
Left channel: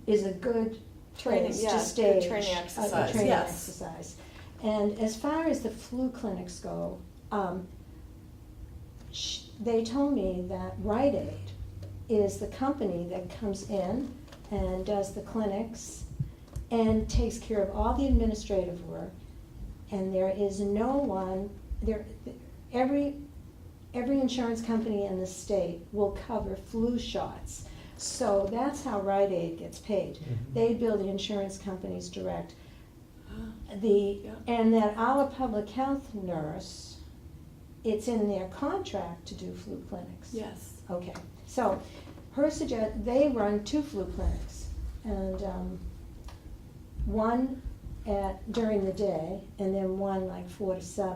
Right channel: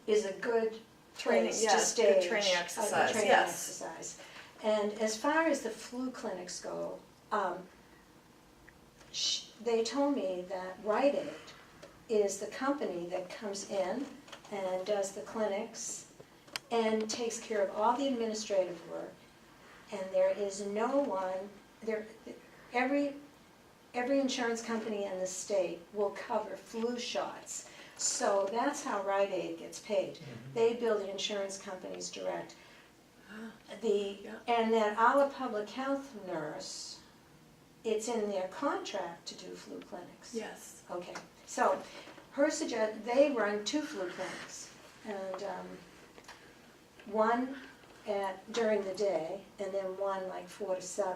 is a good Training, place yeah, to good stage training a exercise, training yes. exercise. And as far as the flu clinics go, they told me that Rite Aid is the company that comes in and does the clinics and takes care of all the administrative work. And there is no one, every every insurance company in the state will cover flu shots. So that's how Rite Aid gets paid. They bill the insurance companies direct. Yeah. And that our public health nurse, it's in their contract to do flu clinics. Yes. Okay, so they run 2 flu clinics, and one during the day, and then one like 4 to 7.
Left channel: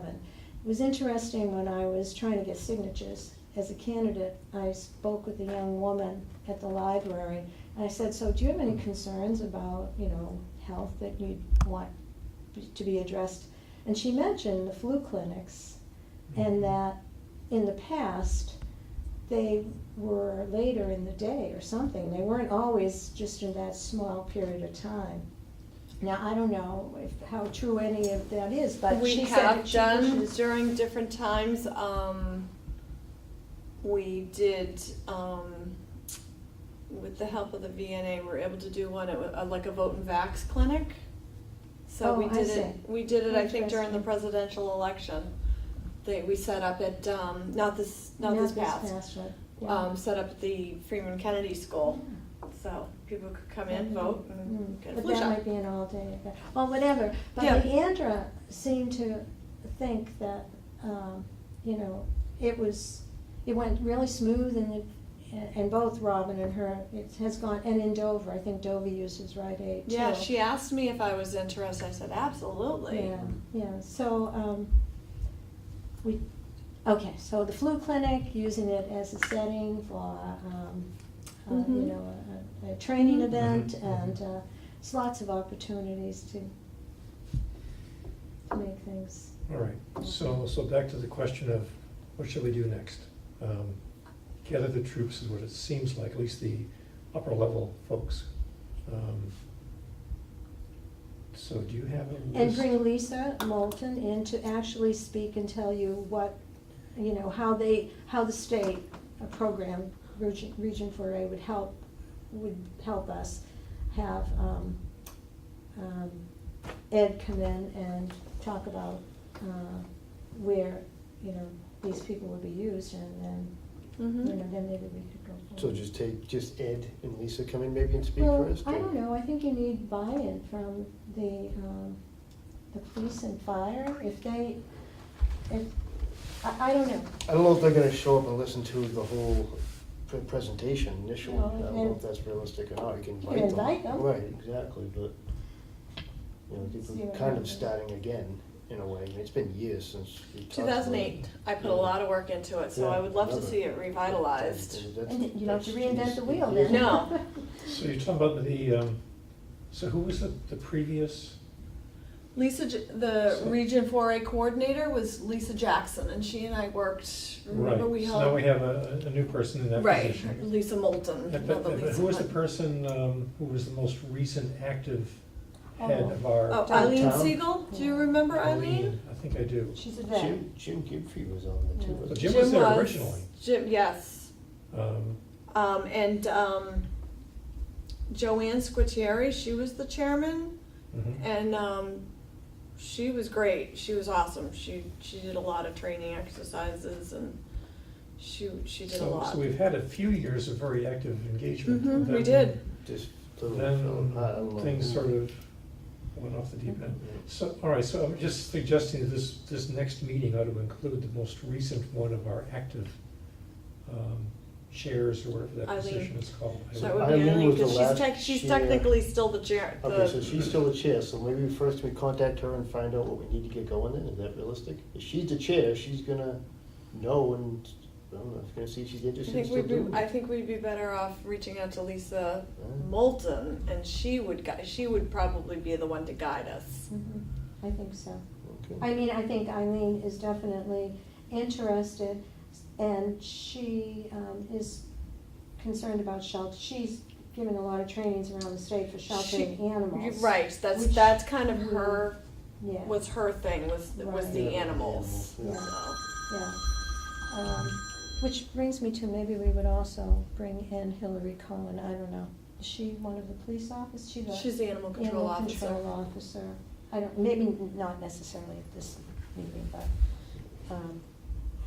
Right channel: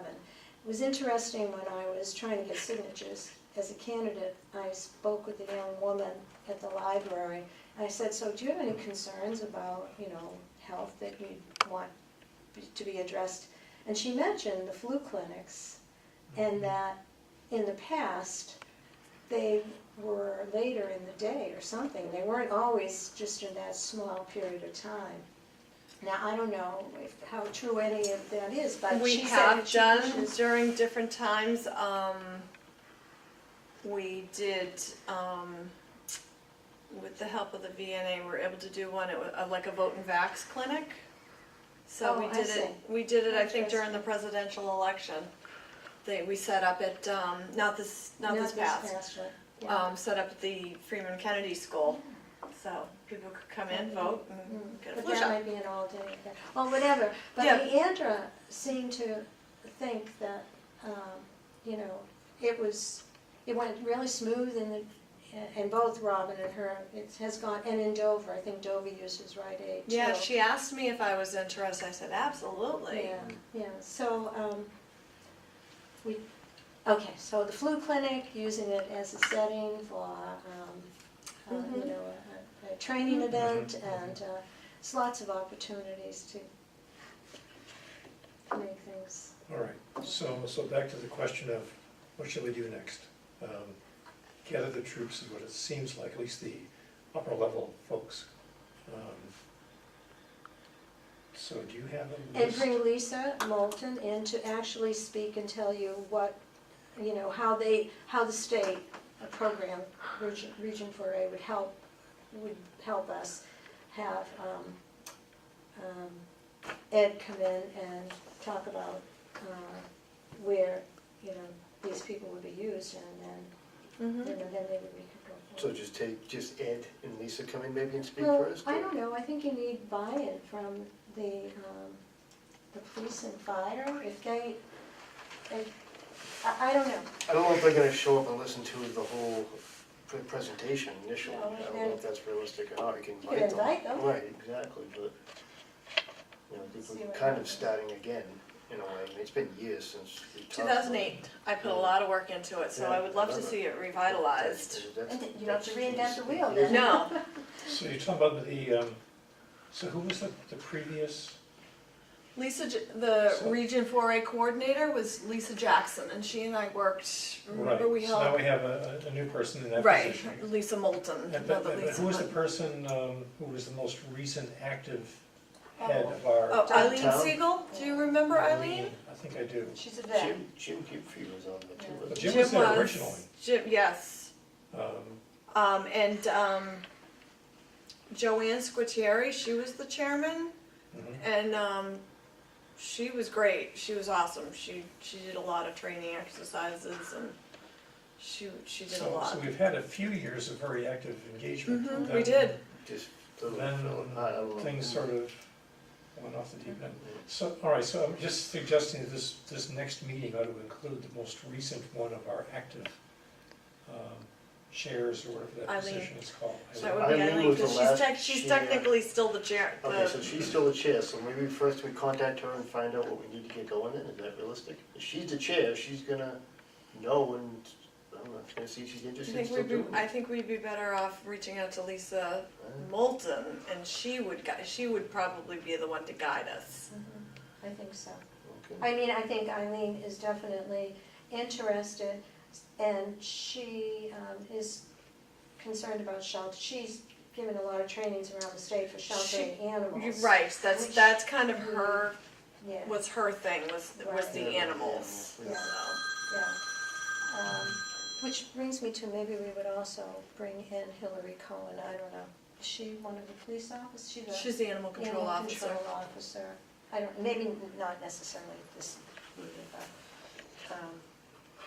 It was interesting when I was trying to get signatures as a candidate. I spoke with a young woman at the library, and I said, "So, do you have any concerns about, health that you want to be addressed?" And she mentioned the flu clinics, and that in the past they were later in the day or something. They weren't always just in that small period of time. Now, I don't know how true any of that is, but We she said have that she done wishes- during different times. We did, with the help of the VNA, we were able to do one. It was like a vote and vax clinic. So Oh, we I did see. it. We did it. I think during the Interesting. presidential election. We set up at not this past. Right? Yeah. Set up at the Freeman Kennedy School, so people could come in, vote, and get a But flu that shot. might be an all-day event. Well, whatever. But Yeah. Leandra seemed to think that, it went really smooth and both Robin and her, it has gone, and in Dover, I think Dover uses Rite Aid too. Yeah, she asked me if I was interested. I said absolutely. Yeah, so, so the flu clinic, using it as a setting for, Mhm. a training Mhm. event, Mhm. and there's lots of opportunities to make things. All right, so back to the question of what should we do next? Gather the troops is what it seems like, at least the upper level folks. So do you have a And list? bring Lisa Moulton in to actually speak and tell you what, how the state program, Region 4A would help us have Ed come in and talk about where, these people would be used, and Mhm. then maybe we could go So forward. just Ed and Lisa come in maybe and speak Well, first? I or- don't know, I think you need buy-in from the police and fire, if they, I don't know. I don't know if they're gonna show up and listen to the whole presentation initially. No, I don't know and- if that's realistic or not. You can You invite can them. invite them. Right, exactly, but, I think See we're what kind of happens. starting again, in a way. I mean, it's been years since we talked about it. 2008. I put a lot of work into it, so Yeah, I would love to remember. see it revitalized. That's- And you don't have to that's- reinvent the wheel yeah. then. No. So you're talking about so who was the previous? The So- Region 4A coordinator was Lisa Jackson, and she and I worked. Remember Right, we so now held we have a new person in that right position. Lisa Moulton. But another Lisa who was the Hunt. person who was the most recent active head of our? Oh, Eileen Town? Siegel. Do you remember Eileen? I think I do. She's a vet. Jim Gibfrey was on there too. Yeah. wasn't Jim he? was there originally. Jim, yes. Um, And Joanne Squitieri, she was the chairman, mhm. and she was great. She was awesome. She did a lot of training exercises, and she did a lot. So we've had a few years of very active engagement. Mhm, Then- we did. Just little, Then I don't know. things sort of went off the deep end. So, all right, so I'm just suggesting that this next meeting ought to include the most recent one of our active chairs, or whatever that Eileen. position is called. That would be Eileen Eileen, was the because last she's chair. technically still the chair. Okay, so she's still the chair, so maybe first we contact her and find out what we need to get going in, is that realistic? If she's the chair, she's gonna know and, I don't know, she's gonna see if she's interested in still doing I it. think we'd be better off reaching out to Lisa Right. Moulton, and she would probably be the one to guide us. Mhm. I think so. Okay. I mean, I think Eileen is definitely interested, and she is concerned about shelter. She's given a lot of trainings around the state for sheltering animals. You're right. Which- That's kind of her Yeah, was her thing was Right. the Yeah, animals. yeah. So. yeah. Which brings me to, maybe we would also bring in Hillary Cohen. I don't know. Is she one of the police officers? She's the animal control Animal officer. control officer. I don't, maybe not necessarily this meeting, but,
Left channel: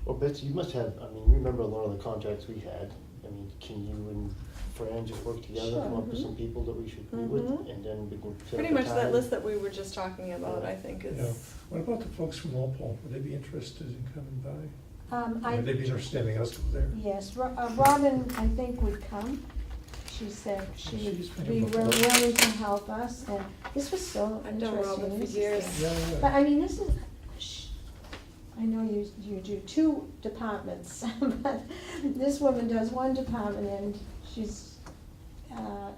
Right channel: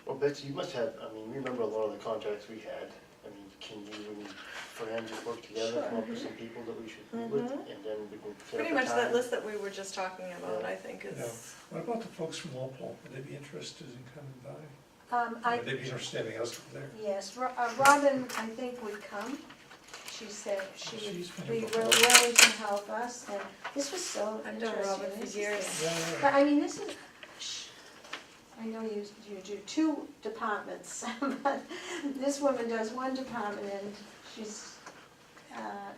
Well, Betsy, you must have, I mean, remember a lot of the contacts we had. I mean, can you and Fran just work together, come up with some people that we should meet with, Mhm. and then we can set up Pretty a much that time? list that we were just talking about, Yeah. I think Yeah. is, What about the folks from Walpole? Would they be interested in coming by? Would they I, be interested in having us there? yes, Robin, I think, would come. She said she She's been would be here before. willing to help us, and this was so I've interesting. done Robin for This is years. the- Yeah, But I mean, this is, I know you do two departments, but this woman does one department, and she's,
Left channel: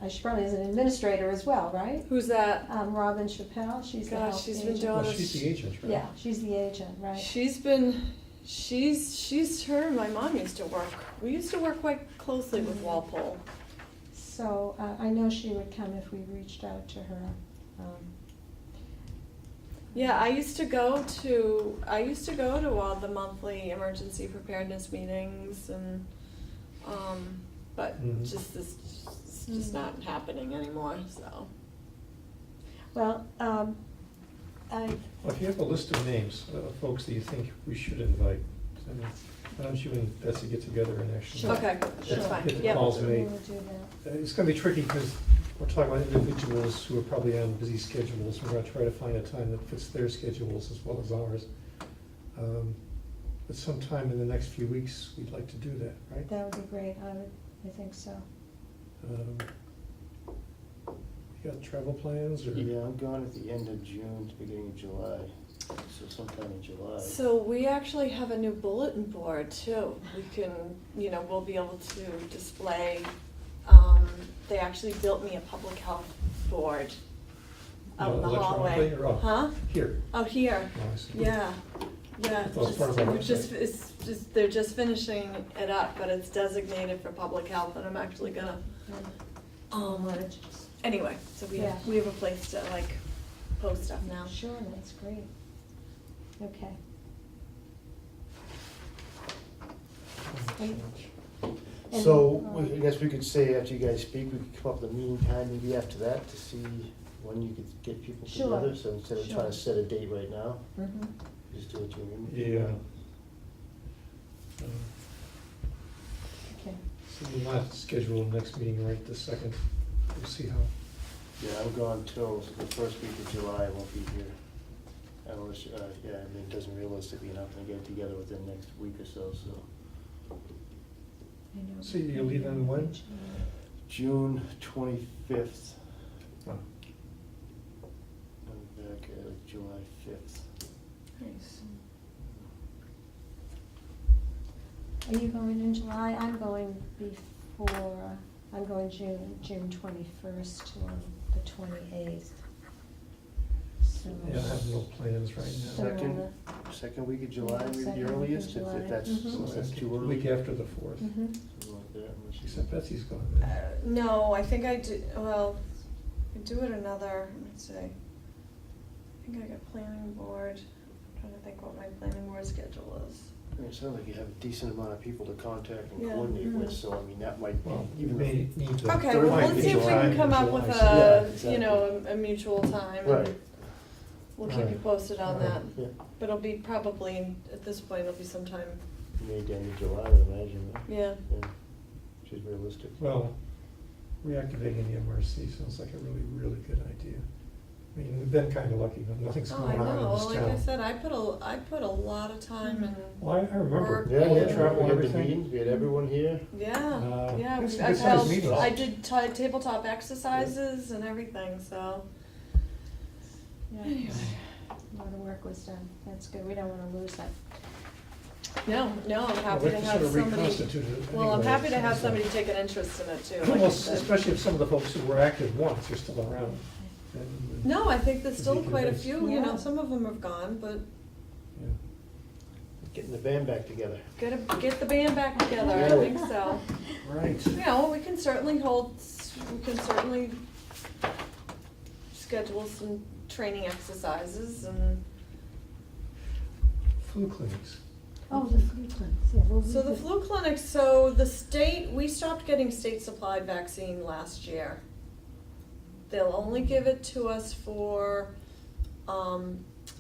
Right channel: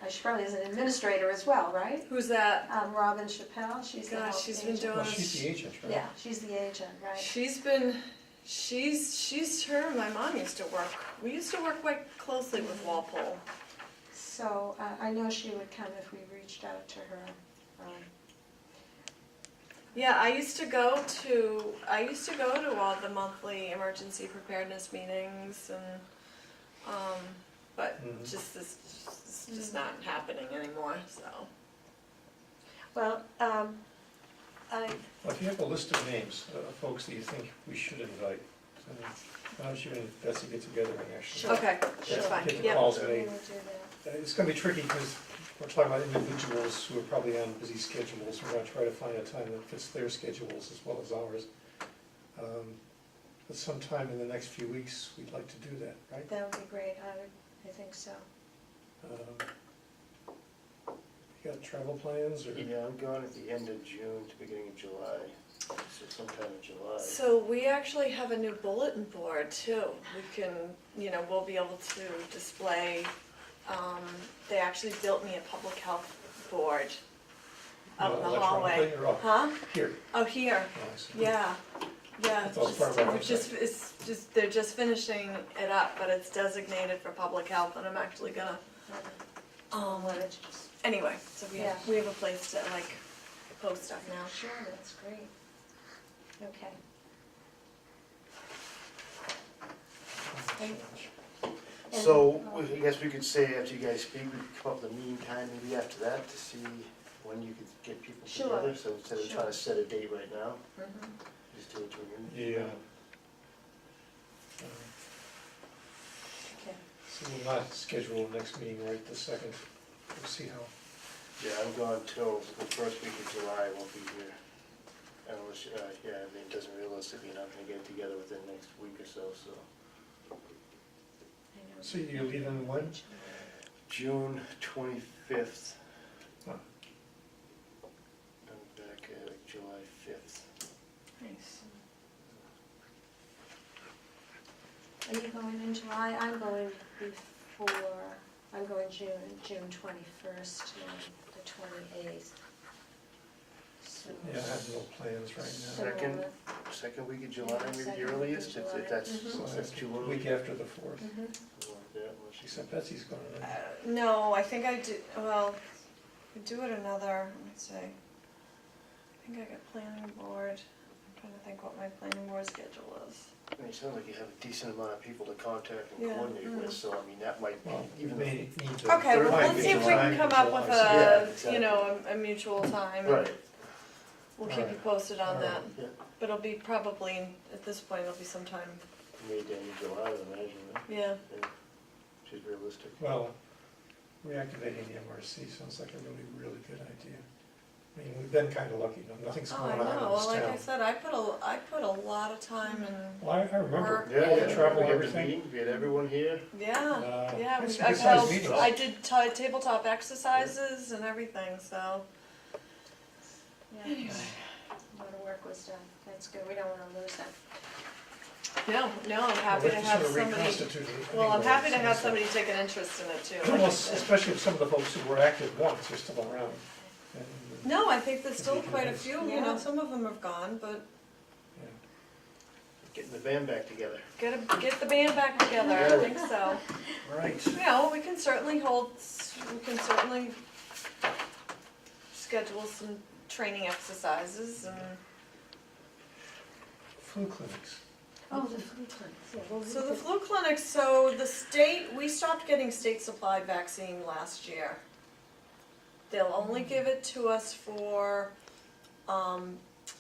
she probably is an administrator as well, right? who's that? Robin Chappelle, she's the Gosh, health she's been agent. doing Well, she's the agent, right? Yeah, she's the agent, right? She's her and my mom used to work. We used to work quite closely with Walpole. So, I know she would come if we reached out to her. Yeah, I used to go to all the monthly emergency preparedness meetings and, but Mhm. it's just not happening anymore, so. Well, I, Well, if you have a list of names of folks that you think we should invite, then why don't you and Betsy get together and actually. Sure. Okay, Sure. that's fine, Get the yep. calls we made. will do that. It's gonna be tricky because we're talking about individuals who are probably on busy schedules. We're gonna try to find a time that fits their schedules as well as ours. But sometime in the next few weeks, we'd like to do that, right? That would be great, I think so. You got travel plans or? Yeah, I'm gone at the end of June to beginning of July, so sometime in July. So we actually have a new bulletin board too. We can, we'll be able to display, they actually built me a public health board out in the hallway. Electronically or off? Huh? Here. Out here, Oh, I see. yeah, yeah. That was part of our We're just, website. it's just, they're just finishing it up, but it's designated for public health and I'm actually gonna, Wanted to just- anyway, so we Yeah. have a place to like post stuff now. Sure, that's great. Okay. And- So, and, I guess we could say after you guys speak, we could come up with a meeting time maybe after that to see when you could get people Sure. together. So instead of trying to Sure. set a date right now, Mhm. just do it through an Yeah. Okay. So we'll not schedule the next meeting right this second. We'll see how. Yeah, I'm gone till the first week of July, I won't be here. Unless, yeah, I mean, it doesn't realistically, you're not gonna get it together within the next week or so, so. I know. So you're leaving when? June 25th, Oh, I'm back at July 5th. Nice. Are you going in July? I'm going June 21st to the 28th. So. yeah, I have no plans right so, now. Second week of July, maybe second the week of earliest, July. if that's, Mhm. So if that's that's too the early. week after the 4th. Mhm. Something like that, unless She you- said Betsy's going. No, I think I do, well, I do it another, let's see. I think I got planning board, I'm trying to think what my planning board schedule is. I mean, it sounds like you have a decent amount of people to contact and Yeah. coordinate with, Mm. so I mean, that might be, Well, you even may if. need to. Okay, Third well, might let's be see if we July can come up with July Yeah, a, exactly. a mutual time. Right. and We'll keep you Right. posted on that, Alright. Yeah, but it'll be probably, at this point, it'll be sometime, May to end of July, I would imagine, yeah. yeah, which is realistic. Well, reactivating the MRC sounds like a really, really good idea. I mean, we've been kind of lucky, nothing's Oh, going I on know, in this like I town. said, I put a lot of time in, Well, I remember. Work. Yeah, all the yeah, travel we and had the everything. meeting, we had everyone here. yeah, yeah, It's I've good-sized held, meetings. I did tabletop exercises and everything, so. Yeah. Anyway. A lot of work was done. That's good. We don't want to lose that. No, I'm Well, happy we to have have sort of somebody, reconstituted it well, I'm anyway, happy to so have it's somebody like- take an interest in it too, like Well, you said. especially if some of the folks who were active once are still around. And, No, I think there's Is still he quite a convinced? few, Yeah. some of them have gone, but yeah. Getting the band back together. get the band back together, I think so. Right. We can certainly schedule some training exercises and, Flu clinics. Oh, the flu clinics. Yeah, well, so the flu clinics, so the state, we stopped getting state supplied vaccine last year. They'll only give it to us for,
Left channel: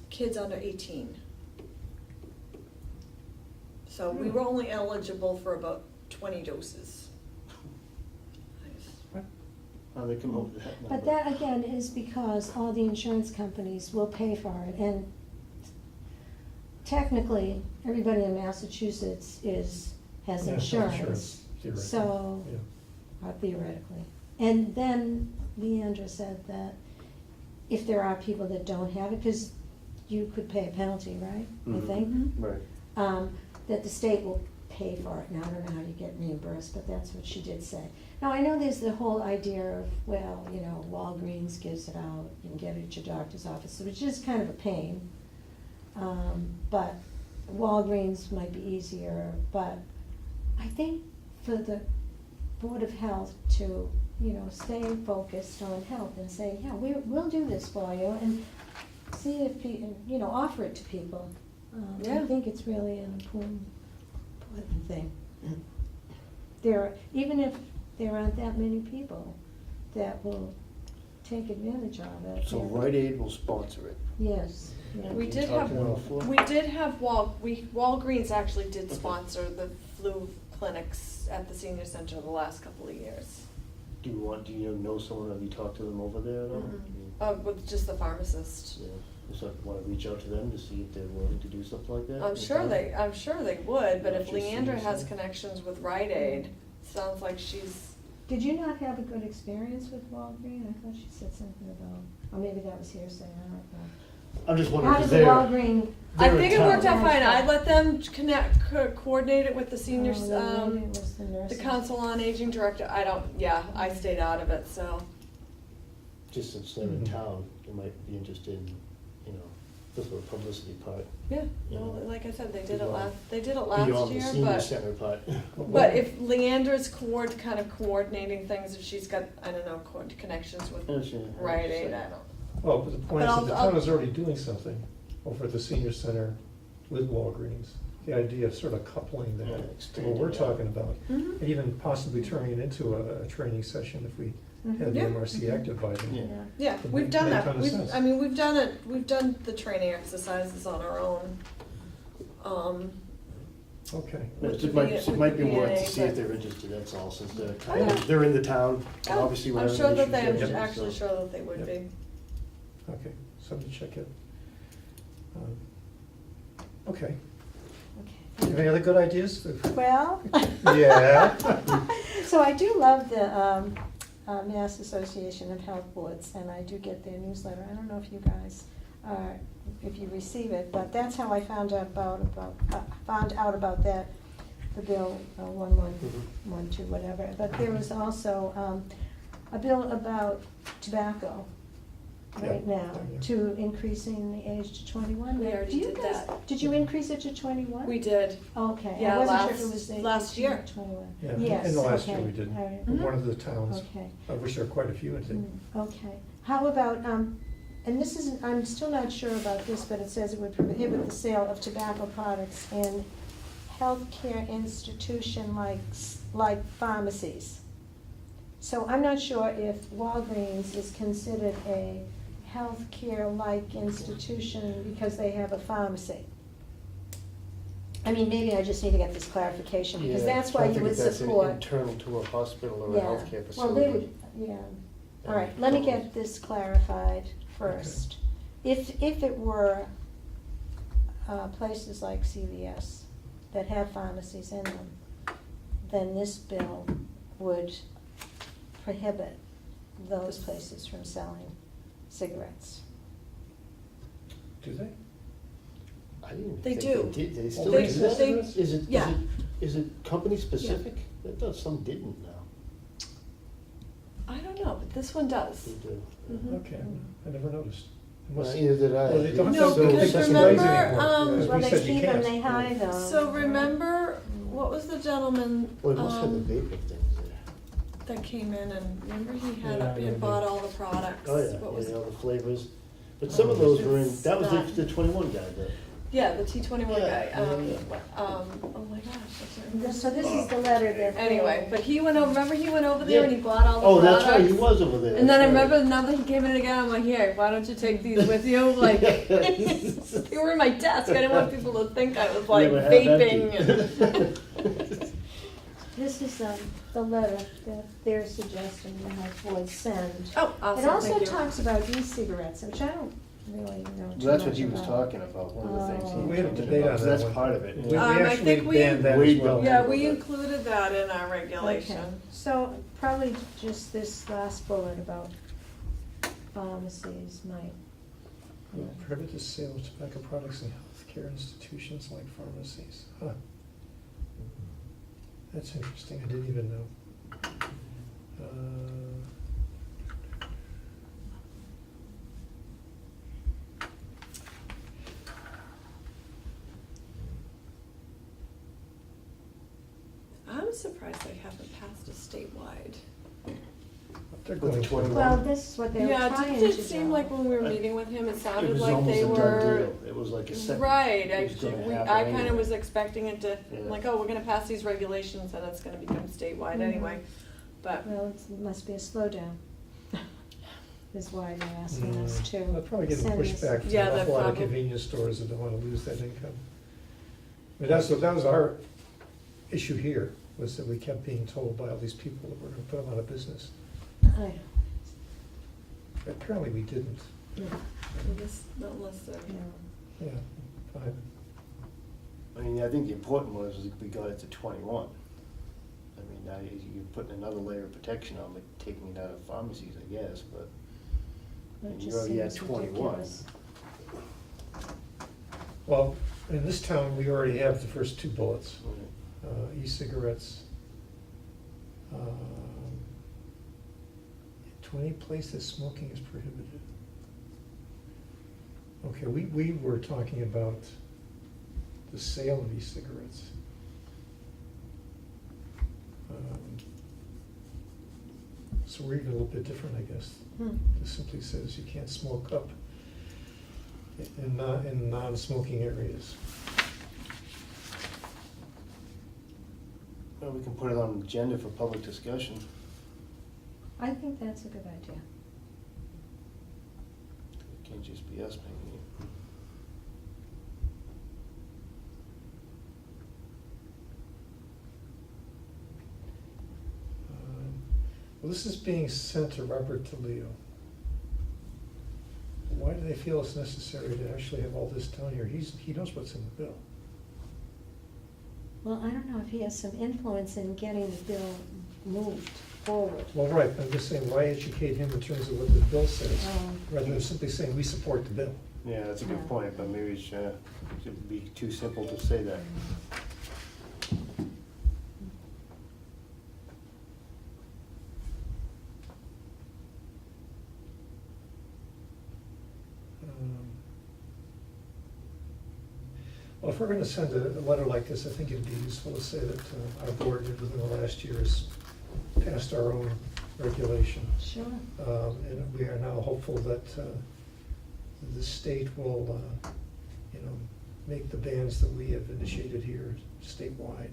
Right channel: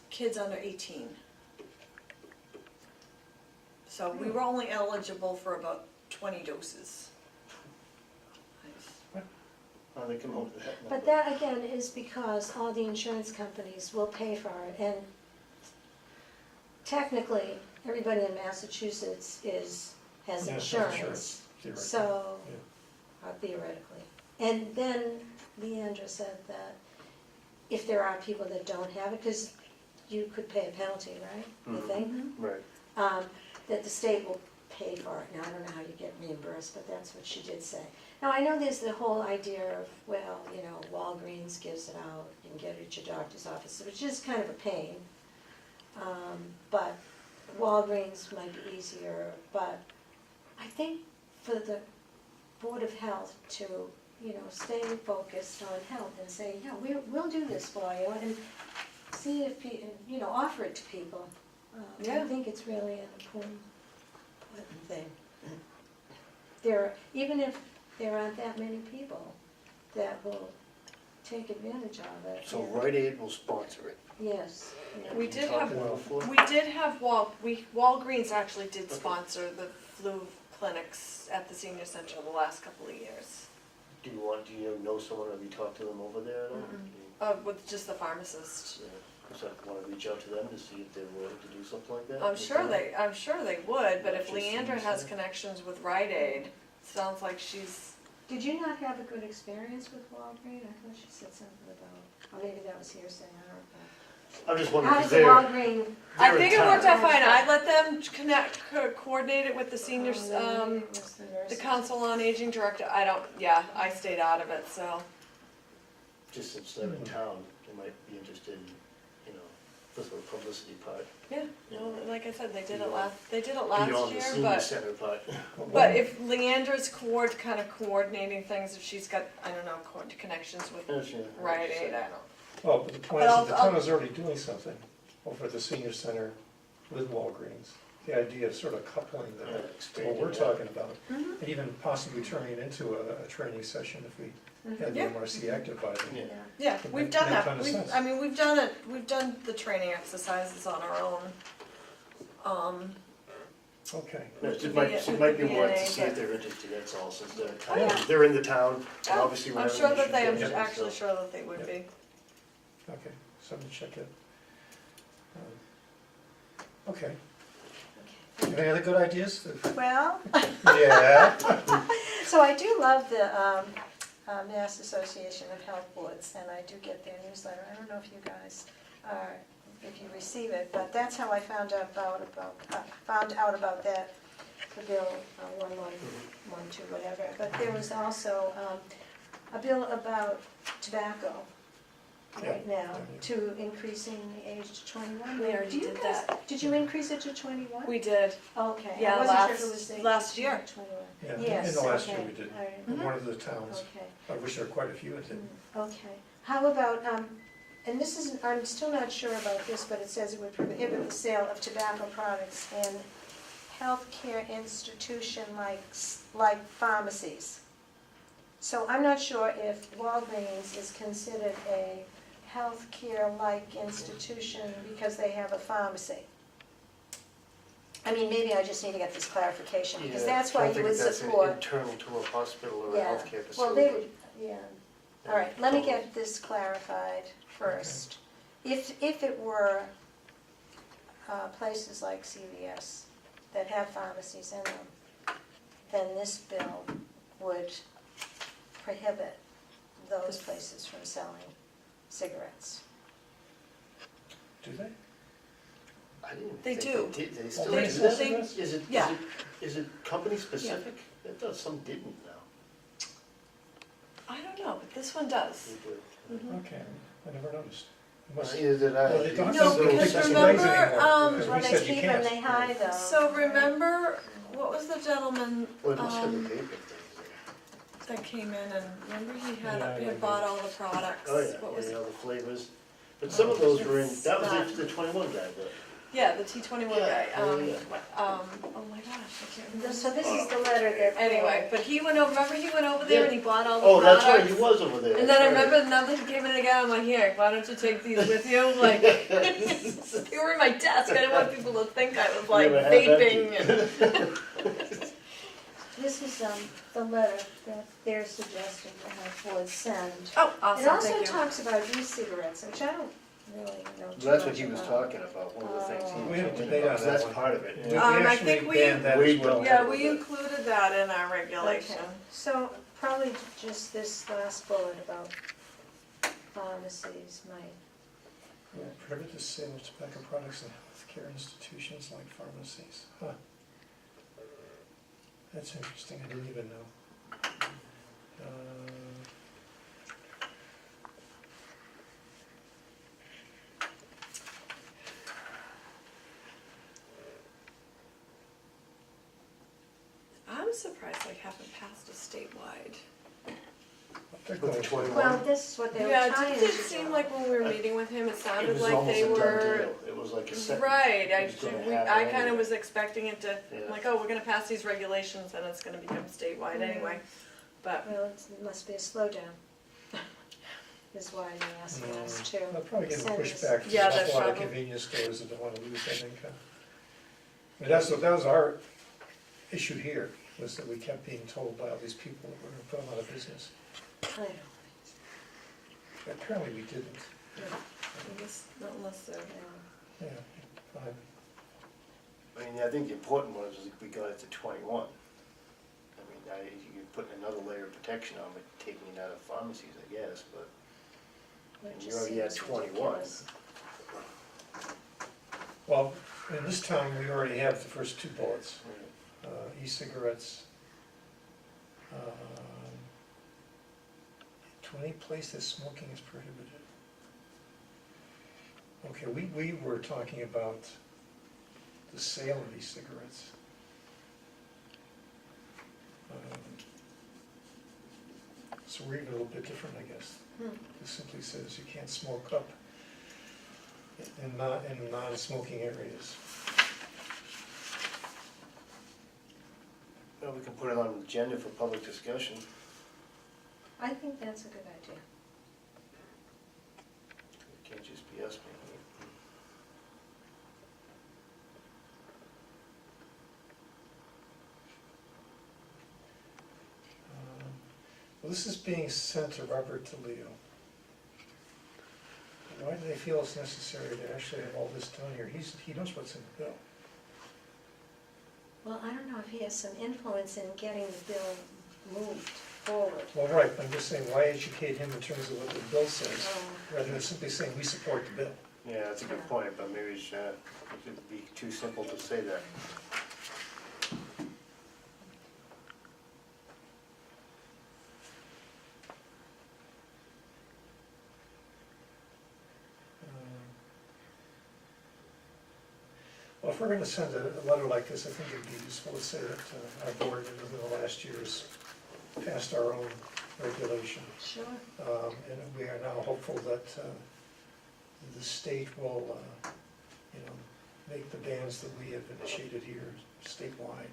kids under 18. So we were only eligible for about 20 doses. They come up with that number. But that again is because all the insurance companies will pay for it, and technically, everybody in Massachusetts has Yeah, insurance. theoretically. So, Yeah. theoretically. And then Leandra said that if there are people that don't have it, because you could pay a penalty, right, I Mhm. think? Right. That the state will pay for it. Now, I don't know how you get reimbursed, but that's what she did say. Now, I know there's the whole idea of, well, you know, Walgreens gives it out, you can get it at your doctor's office, which is kind of a pain. But Walgreens might be easier, but I think for the Board of Health to, you know, stay focused on health and say, yeah, we'll do this for you, and see if, you know, offer it to people. I Yeah. think it's really an important thing. Even if there aren't that many people that will take advantage of it. So yeah. Rite Aid will sponsor it. Yes, yeah. We did Talked have, about it before? we did have Walgreens actually did sponsor the flu clinics at the senior center the last couple of years. Do you know someone, have you talked to them over there at all? With just the pharmacist. Yeah. So want to reach out to them to see if they're willing to do something like that? I'm sure they would, but Not if just Leandra senior has center? connections with Rite Aid, sounds like she's, Did you not have a good experience with Walgreens? I thought she said something about, or maybe that was hearsay, I don't know. I'm just wondering, How because does the they're, Walgreens? I they're in think it worked town. out fine. I let them coordinate it with the seniors, Oh, maybe it was the the nurses. council on aging director. I stayed out of it, so. Just since they're in Mhm. town, they might be interested in, you know, the sort of publicity part. Yeah, Yeah. well, like I said, they did it Beyond- last Beyond the year, senior but, center part. but if Leandra's kind of coordinating things, if she's got, I don't know, connections with Rite Aid, I don't. Well, but the point is But that the I'll- town is already doing something over at the senior center with Walgreens. The idea of sort of coupling Yeah, that to what expanding we're that. talking about, Mhm. and even possibly turning it into a training session if we Mhm. had the Yeah. MRC active by then. Yeah. Yeah. Yeah, It we've make- done make that. ton of sense. I mean, we've done it, we've done the training exercises on our own. Okay. With It the might, V- it might be with the more VA, to see if but- they're interested, that's all, since they're Oh, kind yeah. of, they're in the town, and Oh, obviously I'm whatever sure the that they, issues I'm are, actually so- sure that they would Yep. be. Okay, something to check it. Okay, Okay. any other good ideas? Well, Yeah. so I do love the Mass Association of Health Boards, and I do get their newsletter. I don't know if you guys if you receive it, but that's how I found out about that, the bill 1112, whatever. But there was also a bill about tobacco right Yeah, now, yeah. to increasing the age to 21. We already Do you did guys- that. Did you increase it to 21? We did. Okay. Yeah, I wasn't sure if it was last 18 year. or 21. Yeah, Yes, in the last year okay. we did. All right. Mhm. One of the towns, Okay. I wish there were quite a few, I think. Okay. How about, and this is, I'm still not sure about this, but it says it would prohibit the sale of tobacco products in healthcare institution like pharmacies. So I'm not sure if Walgreens is considered a healthcare-like institution because they have a pharmacy. I mean, maybe I just need to get this clarification, because Yeah, that's why you would I don't think that's support. internal to a hospital or a Yeah. healthcare facility. Well, they would, yeah. All right, let me get this clarified first. If it were places like CVS that have pharmacies in them, then this bill would prohibit those places from selling cigarettes. Do they? I didn't even They think do. they did, they still They- do that? they- Is yeah. it company specific? I thought some didn't now. I don't know, but this one does. They do. Mhm. Okay, I never noticed. It must- Either did I. Well, they don't No, have to because take displays remember, anymore, because Well, we they said you keep them, can't. they hide them. So remember, what was the gentleman Well, it must have the paper things there. that came in and remember he Yeah, I had remember. bought all the products? Oh, yeah, What was yeah, it? the flavors. But some of those were in, It's that was not- the 21 guy, but Yeah, the T21 guy. Yeah, yeah. Oh my gosh, I can't remember. So this is the letter that. Anyway, but he went over, remember he went over there and he bought all the Oh, products? that's right, he was over there. And then I that's right. remember now that he came in again, I'm like, here, why don't you take these with you? Like, they were in my desk. I didn't want people to think I was like They were half vaping. empty. And This is the letter that they're suggesting the health board send. oh, awesome. It also Thank you. talks about e-cigarettes, which I don't really know too much That's what he was about. talking about, one of the things he. Oh. We had a debate on that That's one. part of it. We yeah. I actually think we- banned that as We well. don't. Yeah, we included that in our regulation. Okay. So probably just this last bullet about pharmacies might. Prohibit the sale of tobacco products in healthcare institutions like pharmacies. Huh. That's interesting, I didn't even know. I'm surprised they haven't passed a statewide. They're With the going to. 21. Well, this is what they were Yeah, trying to didn't do. it seem like when we were meeting with him, it It sounded was like almost they a done were. deal. It was like a set. Right, it was gonna happen I kind of anyway. was expecting it to, Yeah. like, oh, we're gonna pass these regulations and it's gonna become statewide Mhm. anyway. But, Well, it must be a slowdown. Is why they're asking us to. They'll probably get send this. pushback Yeah, from that's a lot of probably- convenience stores that don't wanna lose that income. I mean, that was our issue here, was that we kept being told by all these people that we're gonna put them out of business. Oh, Apparently we didn't. not unless they're. yeah. Yeah, fine. I mean, I think the important one is we got it to 21. I mean, now you're putting another layer of protection on it, taking it out of pharmacies, I guess, but It And just you're already at seems 21. ridiculous. Well, in this town, we already have the first two bullets, e-cigarettes. To any place that smoking is prohibited. Okay, we were talking about the sale of e-cigarettes. So we're even a little bit different, I guess. Hmm. It simply says you can't smoke up in non-smoking areas. well, we can put it on the agenda for public discussion. I think that's a good idea. It can't just be us making it. Well, this is being sent to Robert DeLeo. Why do they feel it's necessary to actually have all this down here? He knows what's in the bill. Well, I don't know if he has some influence in getting the bill moved forward. Well, right, I'm just saying, why educate him in terms of what the bill says, Oh. rather than simply saying, we support the bill? Yeah, that's a good Yeah. point, but maybe it'd be too simple to say that. Well, if we're gonna send a letter like this, I think it'd be useful to say that our board within the last year has passed our own regulation. Sure. And we are now hopeful that the state will, make the bans that we have initiated here statewide.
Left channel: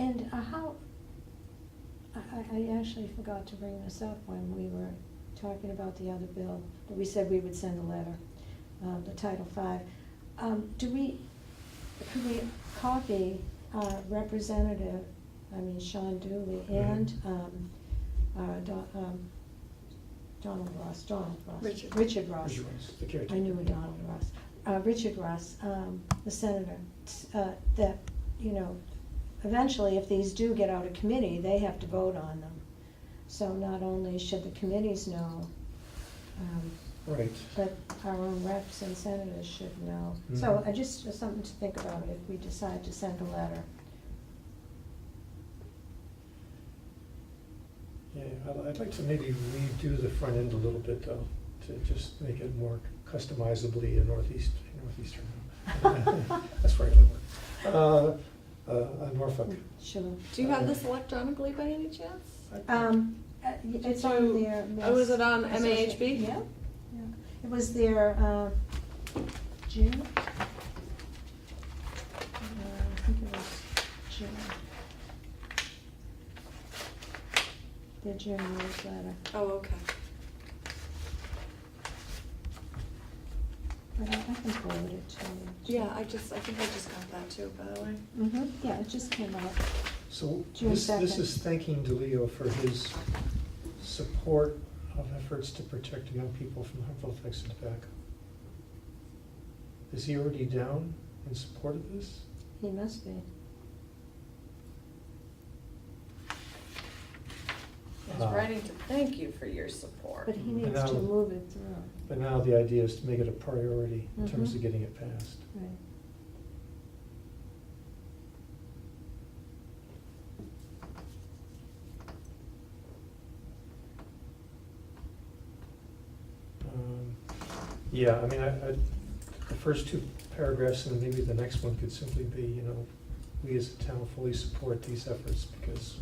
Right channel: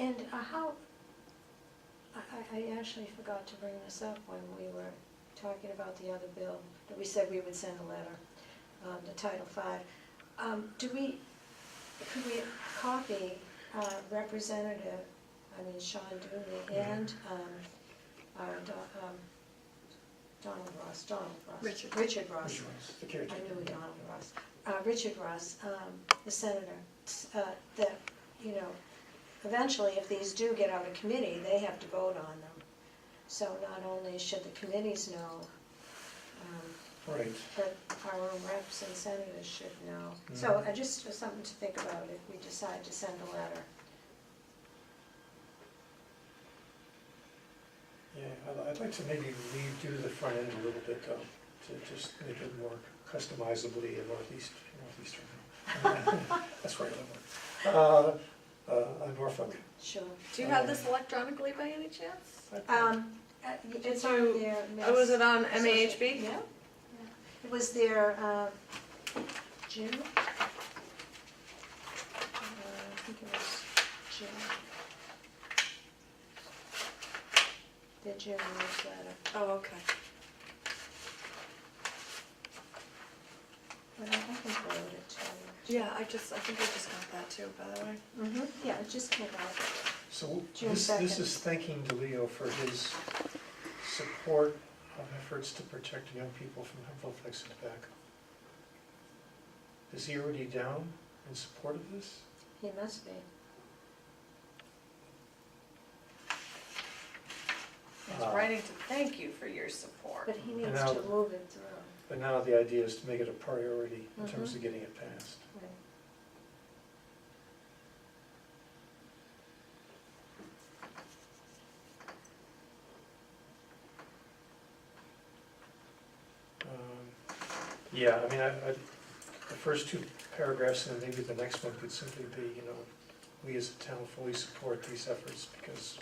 And how, I actually forgot to bring this up when we were talking about the other bill, that we said we would send a letter, the Title V. Could we copy Representative, Sean Dooley and Donald Ross. Richard Ross. The I caretaker. knew Donald Ross. Richard Ross, the senator, that, eventually, if these do get out of committee, they have to vote on them. So not only should the committees know, Right. but our own reps and senators should know. So Mhm. just something to think about if we decide to send a letter. Yeah, I'd like to maybe redo the front end a little bit though, to just make it more customizably in northeastern. That's where I live. Norfolk. Sure. Do you have this electronically by any chance? It's Did on you- there. Oh, was it on Associate- MAHB? Yeah. It was their, gym? I think it was gym. Their gym newsletter. Oh, okay. But I can forward it to you. Yeah, I think I just got that too, by the way. Mm-hmm, yeah, it just came out. So June this 2nd. is thanking DeLeo for his support of efforts to protect young people from harmful effects of tobacco. Is he already down in support of this? He must be. I was writing to thank you for your support. But he needs now- to move it through. But now the idea is to make it a priority in terms Mhm. of getting it passed. Right. Yeah, I mean, the first two paragraphs and then maybe the next one could simply be, you know, we as a town fully support these efforts because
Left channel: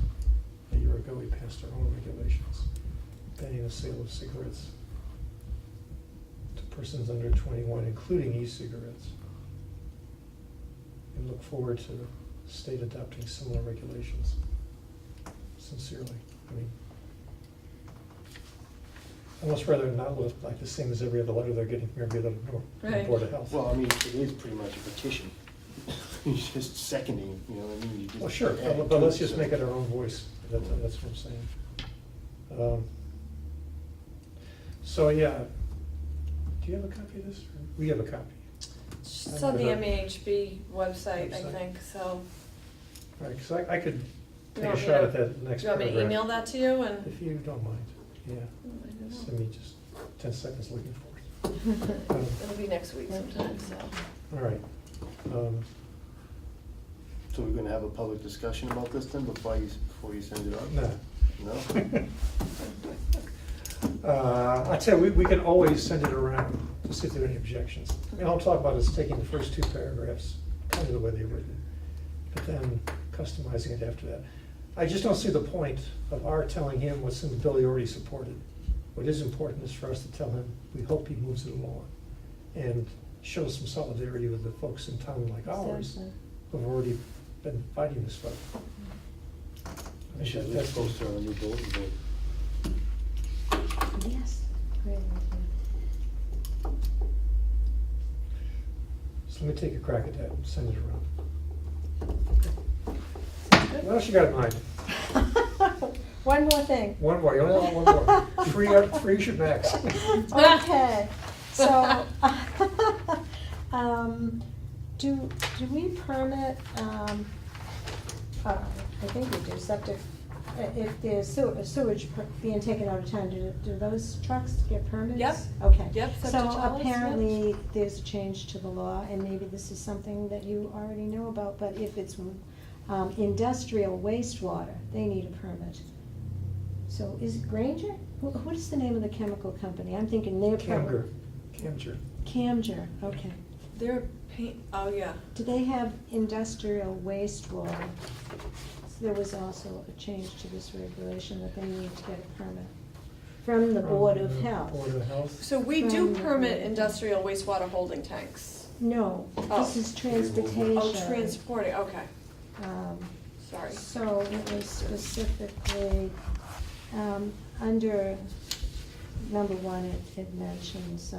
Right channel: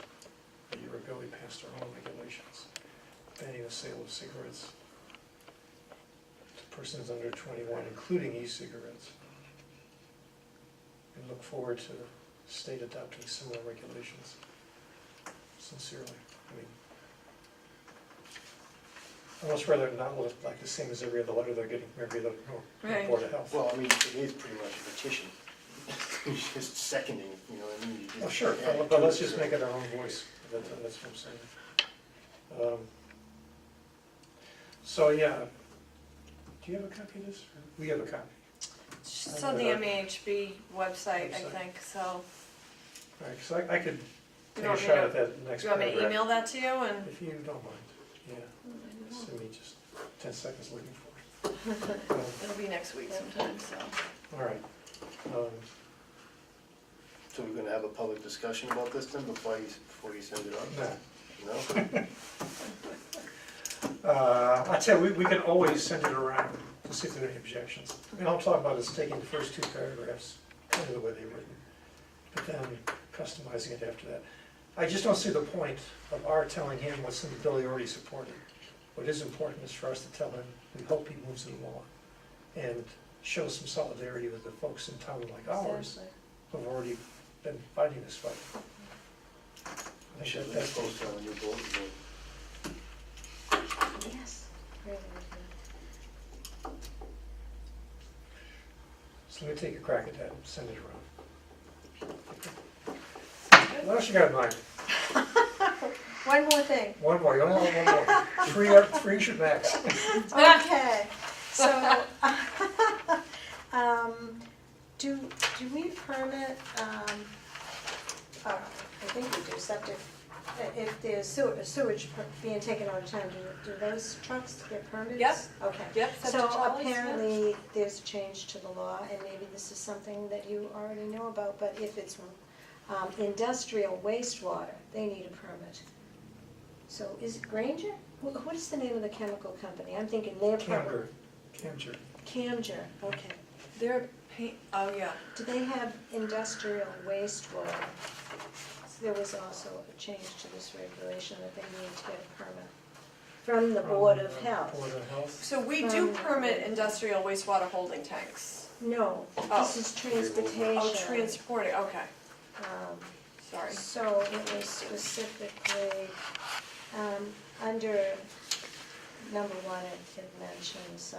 a year ago we passed our own regulations banning the sale of cigarettes to persons under 21, including e-cigarettes. We look forward to the state adopting similar regulations. Sincerely, I mean, almost rather not look like the same as every other letter they're getting from every other Right. Board of Health. Well, I mean, it is pretty much a petition. You're just seconding, you know what I mean? You just Well, sure, add but to let's it, just so- make it our own voice, that's what I'm saying. So, yeah, do you have a copy of this? We have a copy. It's on the MAHB website, I Website. think, so. All right, because I could You take a want me shot to- at that next You want me to paragraph. email that to you and? If you don't mind, yeah, send me just 10 seconds looking for it. It'll be next week sometime, so. All right. So we're gonna have a public discussion about this then before you send it on? No. No? I'd say we can always send it around to see if there are any objections. And all I'm talking about is taking the first two paragraphs, kind of the way they were written, but then customizing it after that. I just don't see the point of our telling him what's in the bill he already supported. What is important is for us to tell him, we hope he moves it along and show some solidarity with the folks in town like ours Exactly. who've already been fighting this fight. I should That's- post it on a new bulletin board. Yes. Great idea. So let me take a crack at that and send it around. What else you got in mind? One more thing. One more, you only want one more. Three should max. Okay, so, do we permit, I think we do, septic, if there's sewage being taken out of town, do those trucks get permits? Yep. Okay. Yep, septic So trellis, yep. apparently, there's a change to the law, and maybe this is something that you already knew about, but if it's industrial wastewater, they need a permit. So is it Granger? What is the name of the chemical company? I'm thinking they're probably. Camger. Camger, okay. They're oh, yeah. Do they have industrial wastewater? So there was also a change to this regulation that they need to get a permit from the Board of Health. Board of Health. So we do permit industrial wastewater holding tanks. No, Oh. this is transportation. Oh, transporting, okay, Um, sorry. So it was specifically, under number one, it mentions,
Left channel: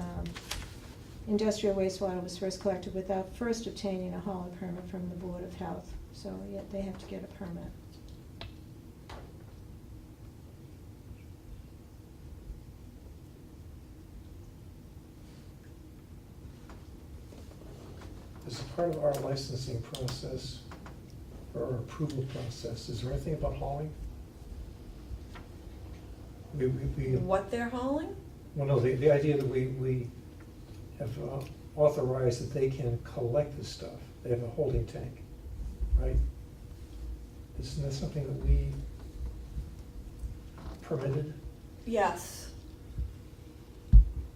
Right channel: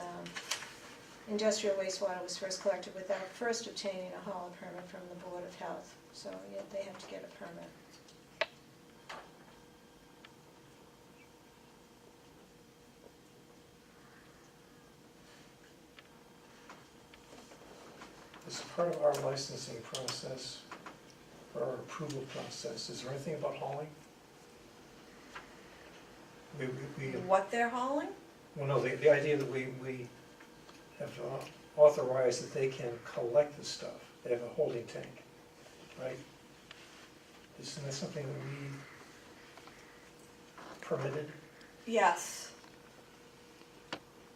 industrial wastewater was first collected without first obtaining a hauler permit from the Board of Health. So, yeah, they have to get a permit. As a part of our licensing process, or our approval process, is there anything about hauling? We, What they're hauling? well, no, the idea that we have authorized that they can collect the stuff. They have a holding tank, right? Isn't that something that we permitted? Yes.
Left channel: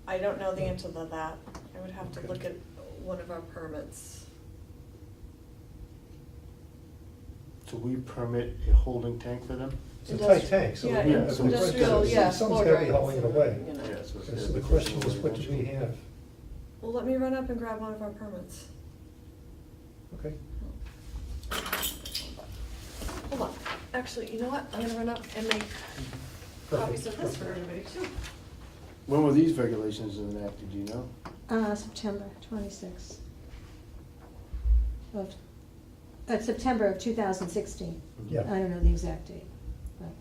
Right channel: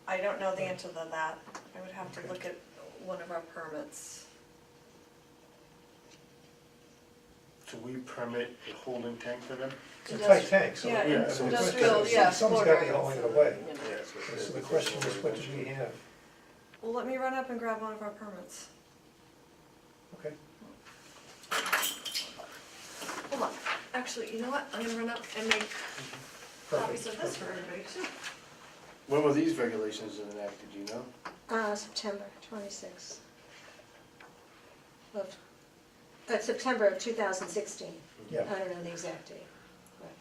I don't know the answer to that. I would have to look at one of our permits. So we permit a holding tank for them? It's a tight tank, so. Yeah, Yeah, the so industrial, question is, yeah, Someone's floor gotta be drains, hauling it away. you know. Yeah, that's what- So the question is, what do we have? Well, let me run up and grab one of our permits. Okay. Hold on. Actually, you know what? I'm gonna run up and make copies of this for everybody too. When were these regulations enacted, do you know? September 26th. Of, September of 2016. Yeah. I don't know the exact date. Right.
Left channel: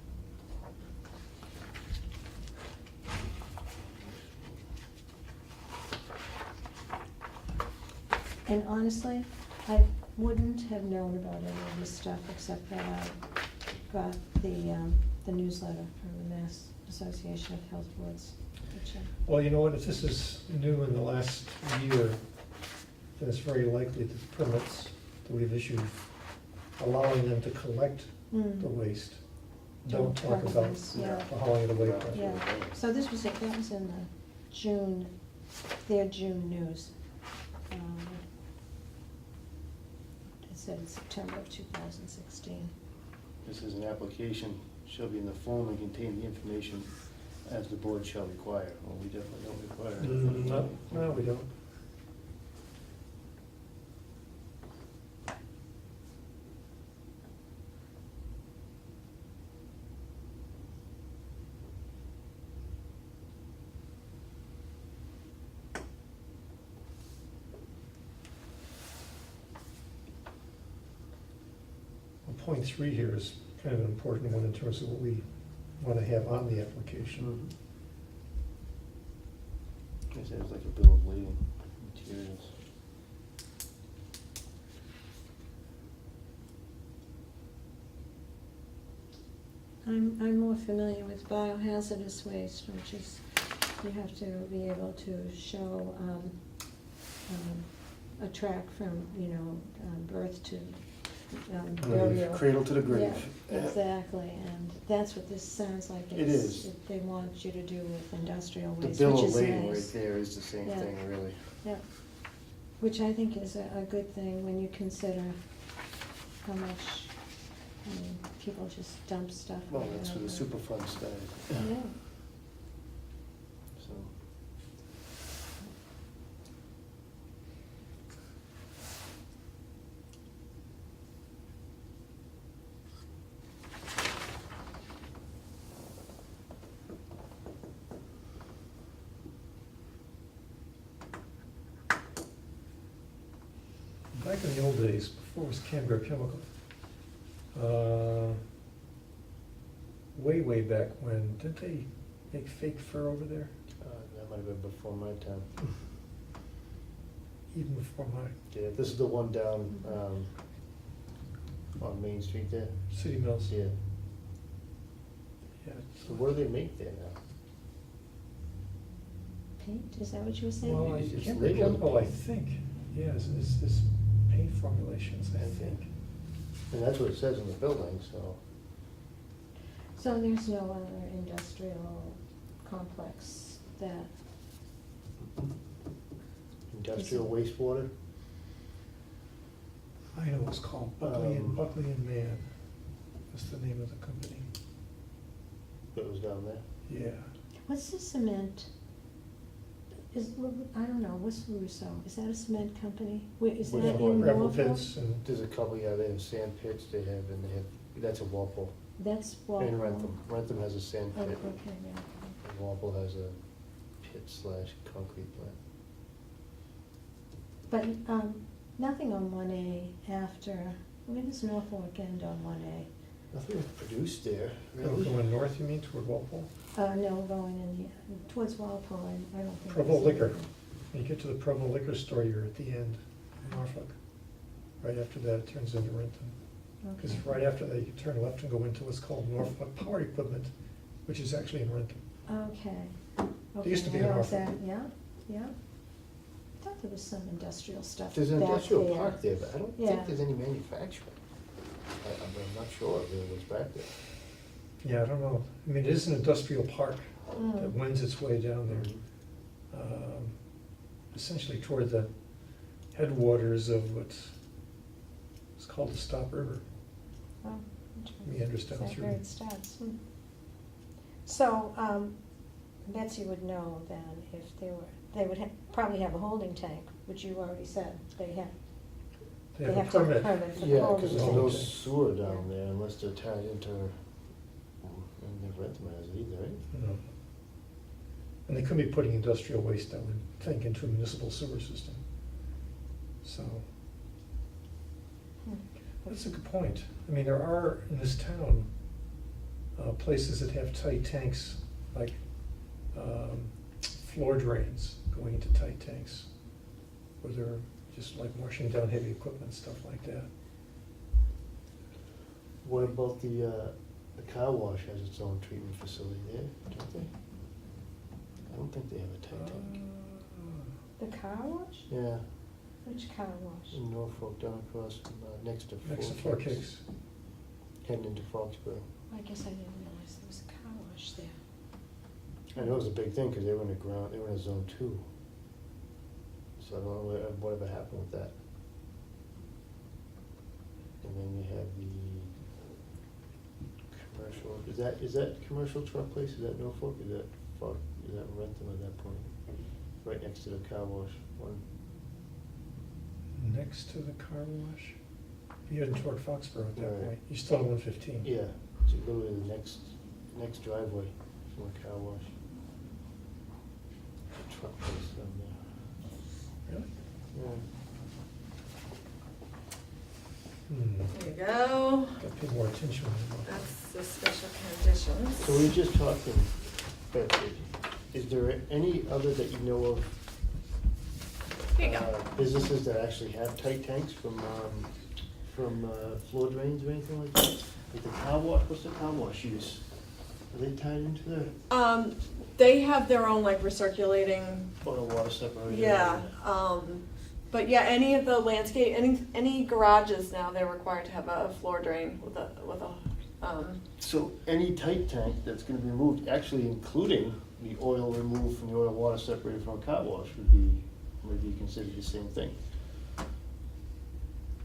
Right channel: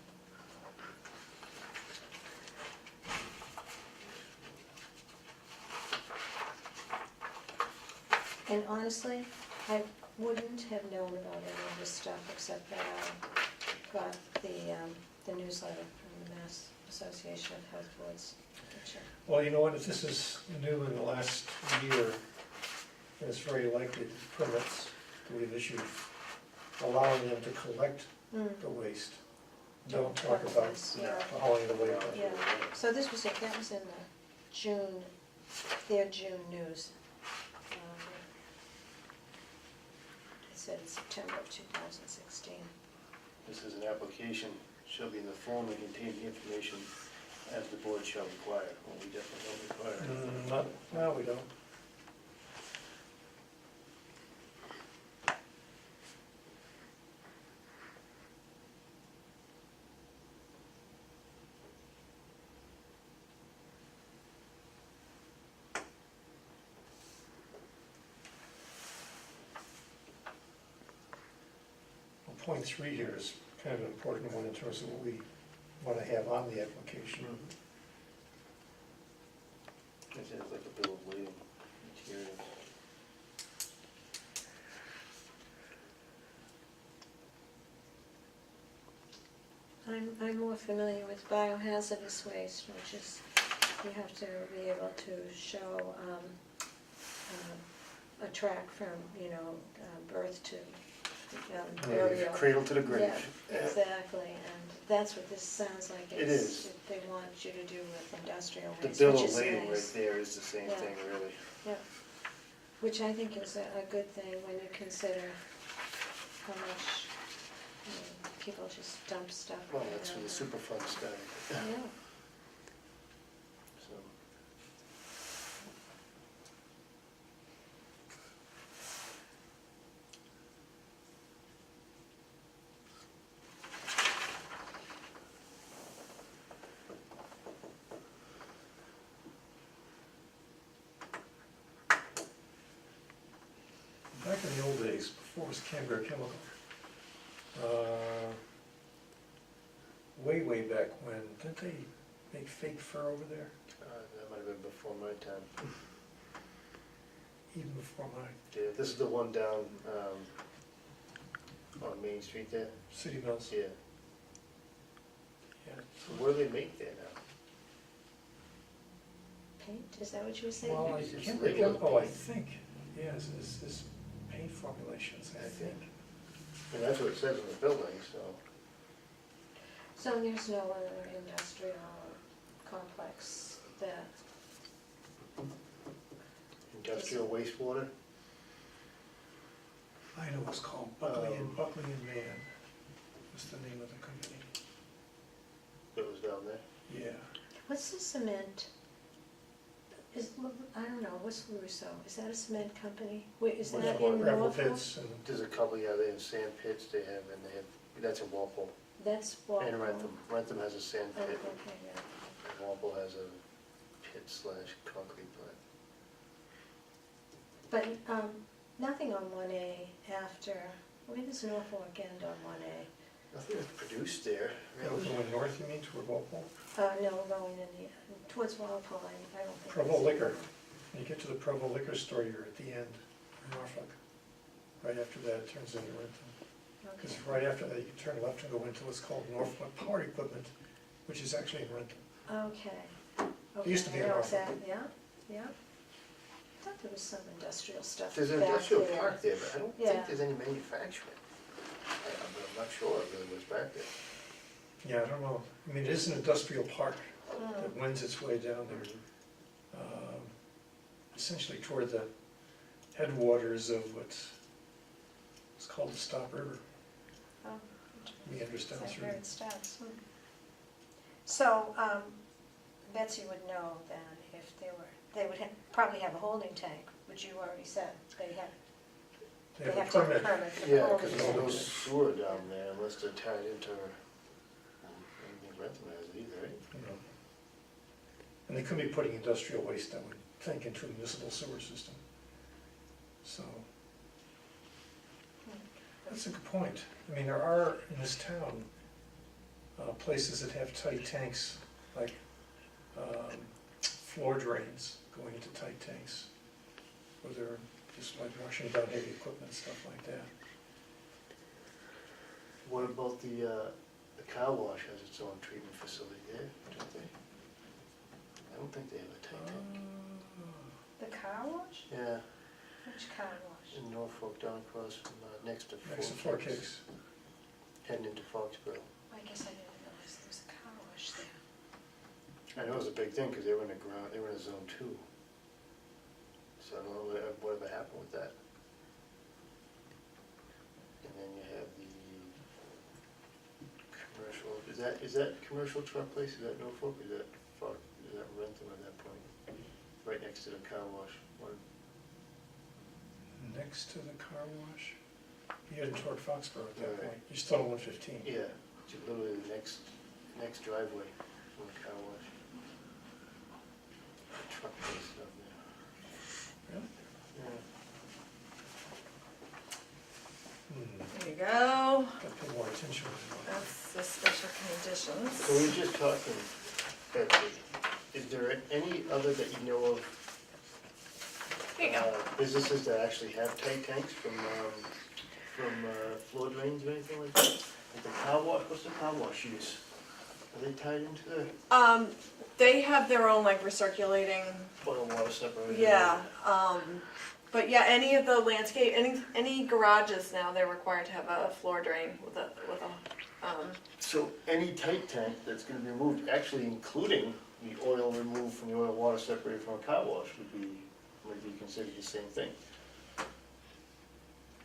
And honestly, I wouldn't have known about any of this stuff except that I got the newsletter from the Mass Association of Health Boards. which, Well, you know what, if this is new in the last year, then it's very likely that permits that we've issued allowing them to collect the waste don't talk about Yeah. the hauling it away. part. Yeah, so this was, that was in the June, their June news. It said it's September of 2016. This is an application, shall be in the form and contain the information as the board shall require. Well, we definitely don't require it. No, we don't. Well, point 3 here is kind of an important one in terms of what we want to have on the application. It says like a bill of lading materials. I'm more familiar with biohazardous waste, which is, you have to be able to show a track from, birth to burial. Cradle to the grave. Yeah, exactly, and that's what this sounds like. It is. They want you to do with industrial The waste, bill which of is lading right nice. there is the same Yeah. thing, really. Yeah, which I think is a good thing when you consider how much, people just dump stuff. Well, right that's for out the there. Superfund study. Yeah, So, Back in the old days, before it was Canberra Chemical, way back when, didn't they make fake fur over there? that might have been before my time. Even before my Yeah, this is the one down, on Main Street there? City Mills? Yeah. Yeah. So what do they make there now? paint, is that what you were saying? Well, It's Canberra legal. Chemical, I think, yeah, is paint formulations, I think. I mean, that's what it says in the building, so. So there's no other industrial complex that, Industrial wastewater? I know it's called Buckley and Mann, was the name of the company. That was down there? Yeah. what's the cement? I don't know, what's Russo, is that a cement company? Wait, is Which that one? in Gravel Norfolk? pits and, There's a couple, yeah, they have sand pits, they have, that's in Walpole. That's Walpole. And Rentham. Rentham has a sand Oh, pit, okay, yeah. and Walpole has a pit/concrete plant. But, nothing on 1A after, where does Norfolk end on 1A? Nothing was produced there, really. going north, you mean, toward Walpole? No, going towards Walpole, I don't think. Provo there's Liquor. anything. When you get to the Provo Liquor store, you're at the end, in Norfolk. Right after that, it turns into Rentham. Because Okay. right after that, you turn left and go into what's called Norfolk Power Equipment, which is actually in Rentham. Okay. It used to be Okay, in I know Norfolk. that, yeah. I thought there was some industrial stuff There's an back industrial there. park there, but I don't Yeah. think there's any manufacturing. I'm not sure if it was back there. Yeah, I don't know. I mean, it is an industrial park that Mm. winds its way down there, essentially toward the headwaters of what's called the Stop River. Oh, meanders down Is that through. where it starts? So, Betsy would know then if they would probably have a holding tank, which you already said, they have They have a to have permit. a permit for the Yeah, holding because tank. there's no sewer down there unless they're tied into, I don't think Rentham has it either, right? You know. And they couldn't be putting industrial waste, I would think, into a municipal sewer system. So, that's a good point. I mean, there are, in this town, places that have tight tanks, like floor drains going into tight tanks, where they're just like washing down heavy equipment, stuff like that. What about the car wash has its own treatment facility there, don't they? I don't think they have a tight tank. The car wash? Yeah, Which car wash? in Norfolk, down across from, next to Next to Four Kicks. heading into Foxborough. I guess I didn't realize there was a car wash there. I know it was a big thing, because they were in they were in a zone 2. So I don't know whatever happened with that. And then you have the commercial, is that commercial truck place, is that Norfolk, is that Rentham at that point? Right next to the car wash one. Next to the car wash? You're heading toward Foxborough at that Right. point. You're still on 115. Yeah, it's literally the next driveway from the car wash. Truck place down there. Really? Yeah. There you go. Got to pay more attention. That's the special conditions. So we were just talking, Betsy, is there any other that you know of? Here you go. Businesses that actually have tight tanks from floor drains or anything like that? Like the car wash, what's the car wash use? Are they tied into the They have their own like recirculating, oil water separator? yeah, but yeah, any of the landscape, any garages now, they're required to have a floor drain with a, So any tight tank that's gonna be removed, actually including the oil removed from the oil water separator from a car wash would be considered the same thing.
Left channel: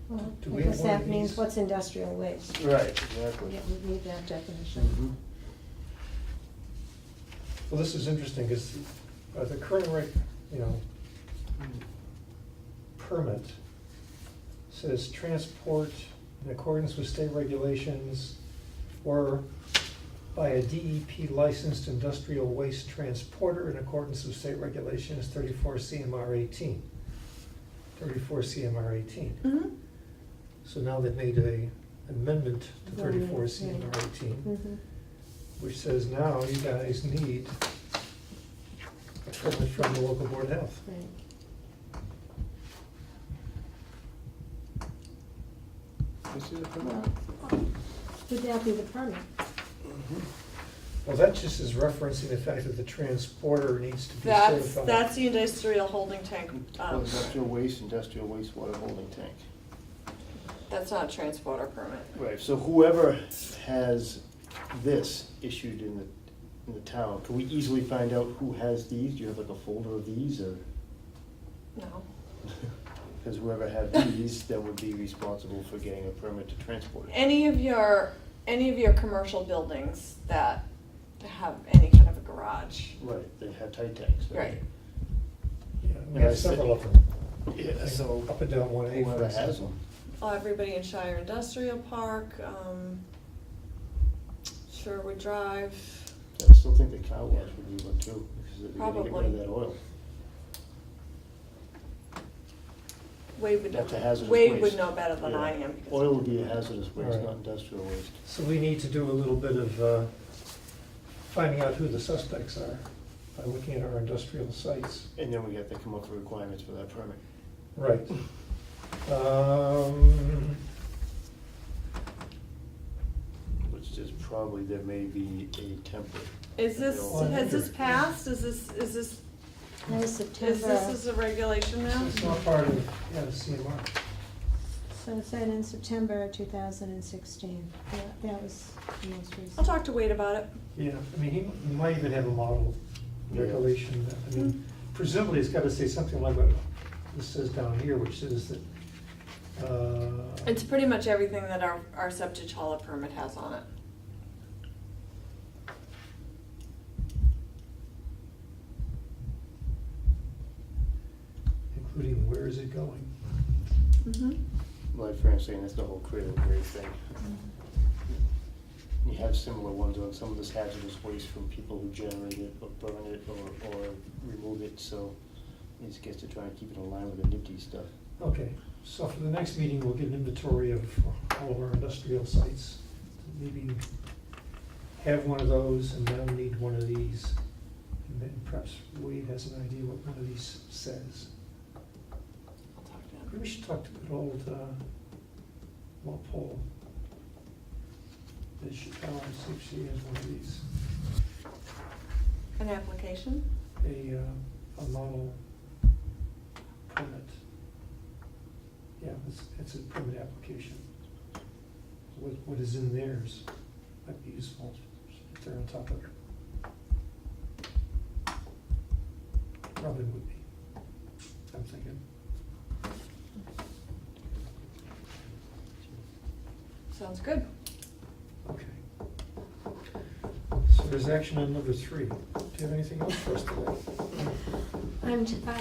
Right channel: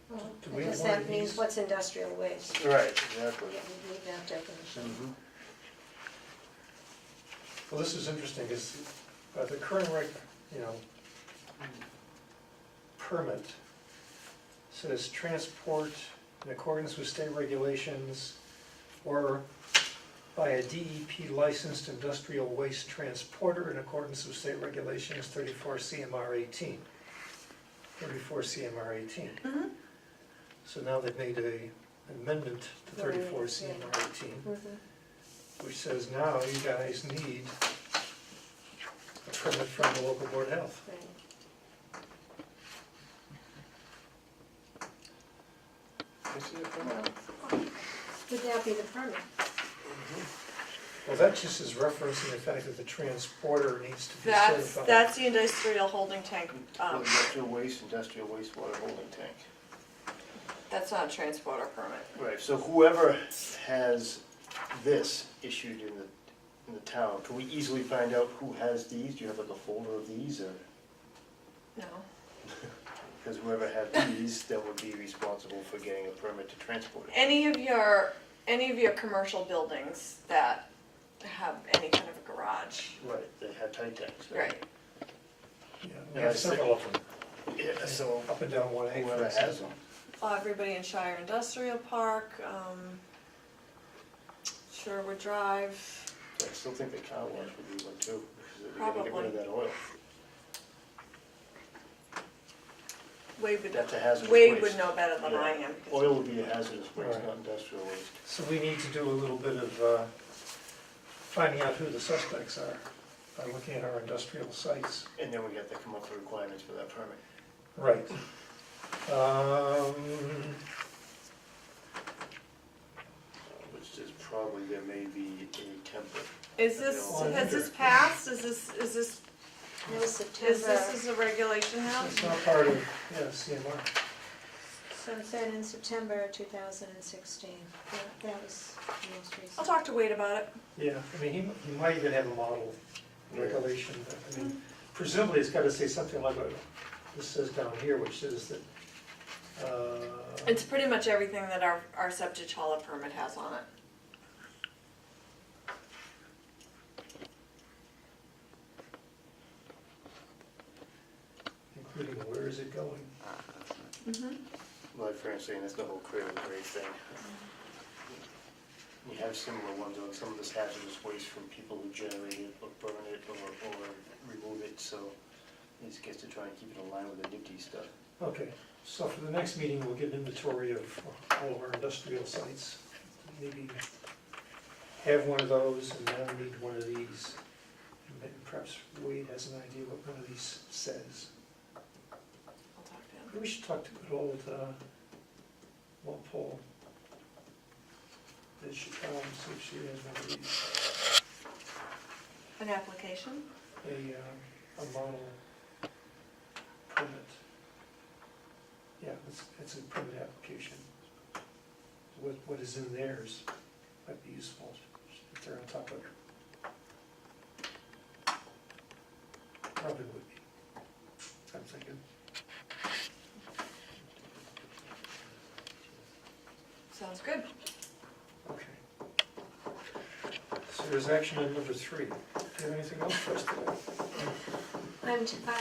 Well, Do I we have guess one of that means these? what's industrial waste. Right, exactly. Yeah, we need that definition. Mhm. Well, this is interesting, because the current permit says transport in accordance with state regulations or by a DEP licensed industrial waste transporter in accordance with state regulations 34 CMR 18. 34 CMR 18. mm-hmm. So now they've made an amendment to 34 Yeah. CMR 18, Mhm. which says now you guys need a permit from the local board of health. Right. This is a permit? Well, would that be the permit? Well, that just is referencing the fact that the transporter needs to be That's certified. the industrial holding tank. Industrial wastewater holding tank. That's not a transporter permit. Right, so whoever has this issued in the town, can we easily find out who has these? Do you have like a folder of these, or? No. Because whoever had these, then would be responsible for getting a permit to transport it. Any of your commercial buildings that have any kind of a garage. Right, they have tight tanks. Right. Yeah, we Yeah, have I see. several of them, Yeah, so up and down 1A. for whoever has example. them. Everybody in Shire Industrial Park, Sherwood Drive. I still think the car wash would be one too, because they're gonna get rid Probably. of that oil. Wade would, That's a hazardous Wade would waste. know better than Yeah. I am. because- Oil would be a hazardous waste, Right. not industrial waste. So we need to do a little bit of finding out who the suspects are by looking at our industrial sites. And then we have to come up with requirements for that permit. Right. Which is probably, there may be a template. Is this, Well, has this passed? Is this, That was is September, this a regulation now? It's not part of, CMR. so it said in September 2016. That was the most recent. I'll talk to Wade about it. Yeah, I mean, he might even have a model regulation. I mean, presumably it's gotta say something like what this says down here, which says that It's pretty much everything that our septic hauler permit has on it. Including where is it going? Mm-hmm. Like Fran's saying, that's the whole cradle grade thing. You have similar ones on some of this hazardous waste from people who generate it or burn it or remove it, so it just gets to try and keep it in line with the NIPD stuff. Okay, so for the next meeting, we'll get an inventory of all of our industrial sites. Maybe have one of those and then need one of these. And then perhaps Wade has an idea what one of these says. I'll talk to him. Maybe we should talk to good old Walpole. See if she has one of these. An application? A model permit. Yeah, it's a permit application. What is in theirs might be useful if they're on top of it. Probably would be, I'm thinking. Sounds good. Okay. So there's action on number 3. Do you have anything else for us today?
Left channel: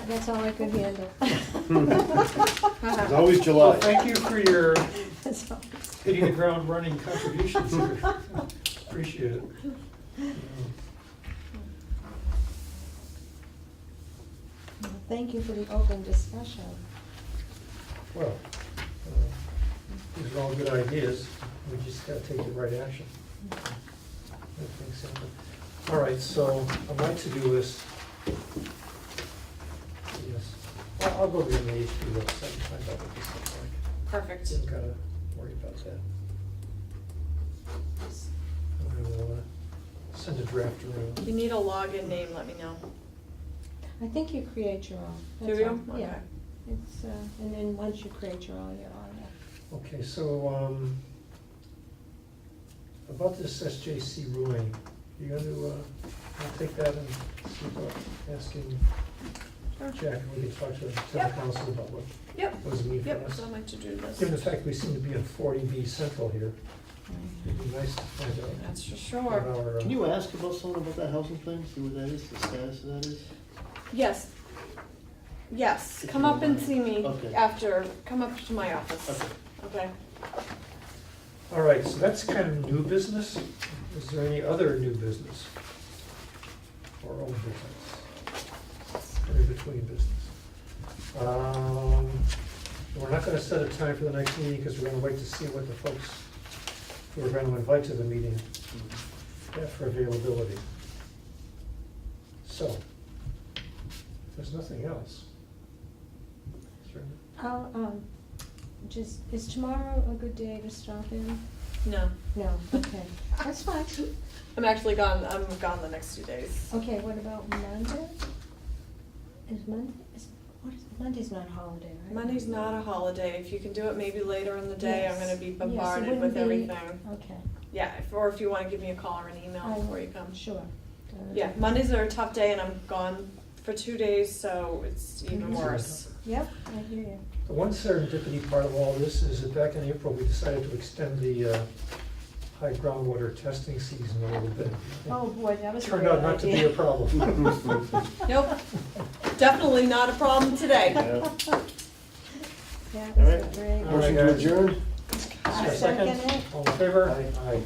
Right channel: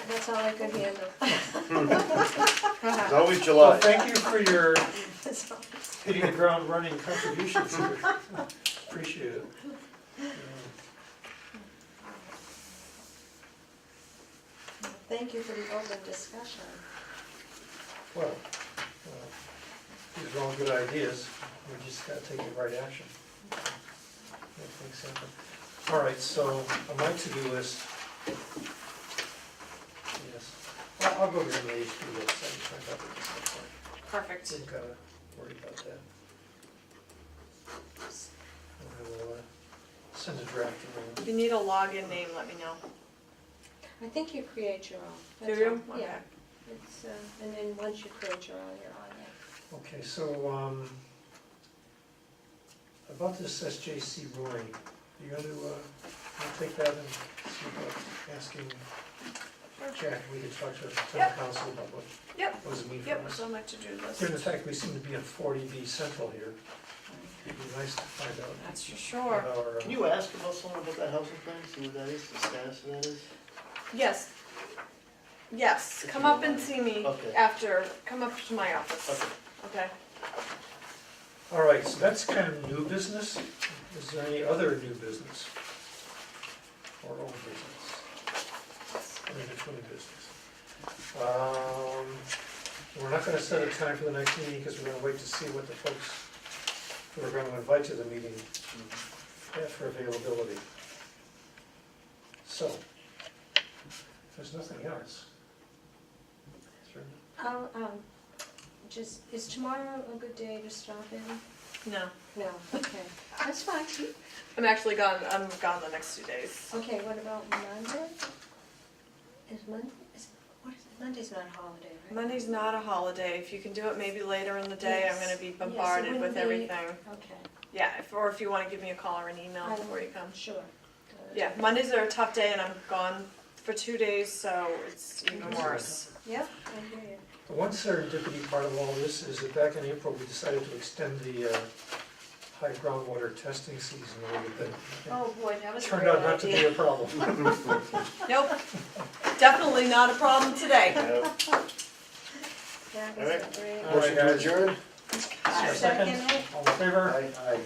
That's all I could handle. It's always Well, July. thank you for your That's all. hitting the ground running contributions here. Appreciate it. Thank you for the open discussion. Well, these are all good ideas. We just gotta take the right action. Make things happen. All right, so on my to-do list, yes, I'll go over to the HP website and find out what this looks like. Perfect. Didn't gotta worry about that. And we'll send a draft around. If you need a login name, let me know. I think you create your own. Do That's you? all. Okay. Yeah. It's, and then once you create your own, you're on there. Okay, so, about this SJC ruling, you gonna, I'll take that and see about asking Jack, we can talk to town Yep. council about Yep. what does it mean for Yep, us. so much to do this. Given the fact we seem to be in 40B Central here, it'd be nice to find out That's for what sure. our, Can you ask about someone about that housing thing, see what that is, the status of that is? Yes. Yes, If come you up don't and mind. see me Okay. after, come up to my office. Okay. Okay. all right, so that's kind of new business. Is there any other new business? Or old business? Or in between business? We're not gonna set a time for the next meeting because we're gonna wait to see what the folks who we're gonna invite to the meeting have for availability. So, if there's nothing else. is there- I'll, is tomorrow a good day to stop in? No, No, okay, that's fine. I'm actually gone, I'm gone the next 2 days. Okay, what about Monday? Monday's not a holiday, right? Monday's not a holiday. If you can do it maybe later in the day, I'm Yes. gonna be Yes, it bombarded with wouldn't be- everything. Okay, Yeah, or if you wanna give me a call or an email I before you come. sure. Yeah, Mondays are a tough day and I'm gone for 2 days, so it's even Mhm. worse. Yep, I hear you. The one serendipity part of all this is that back in April, we decided to extend the high groundwater testing season a little bit. Oh, boy, that was a Turned great out not to be idea. a problem. Nope, definitely not a problem today. Yeah. That was All right. a great. All right, Motion to guys. adjourn? Is there a Second it. All in favor? Aye. Aye.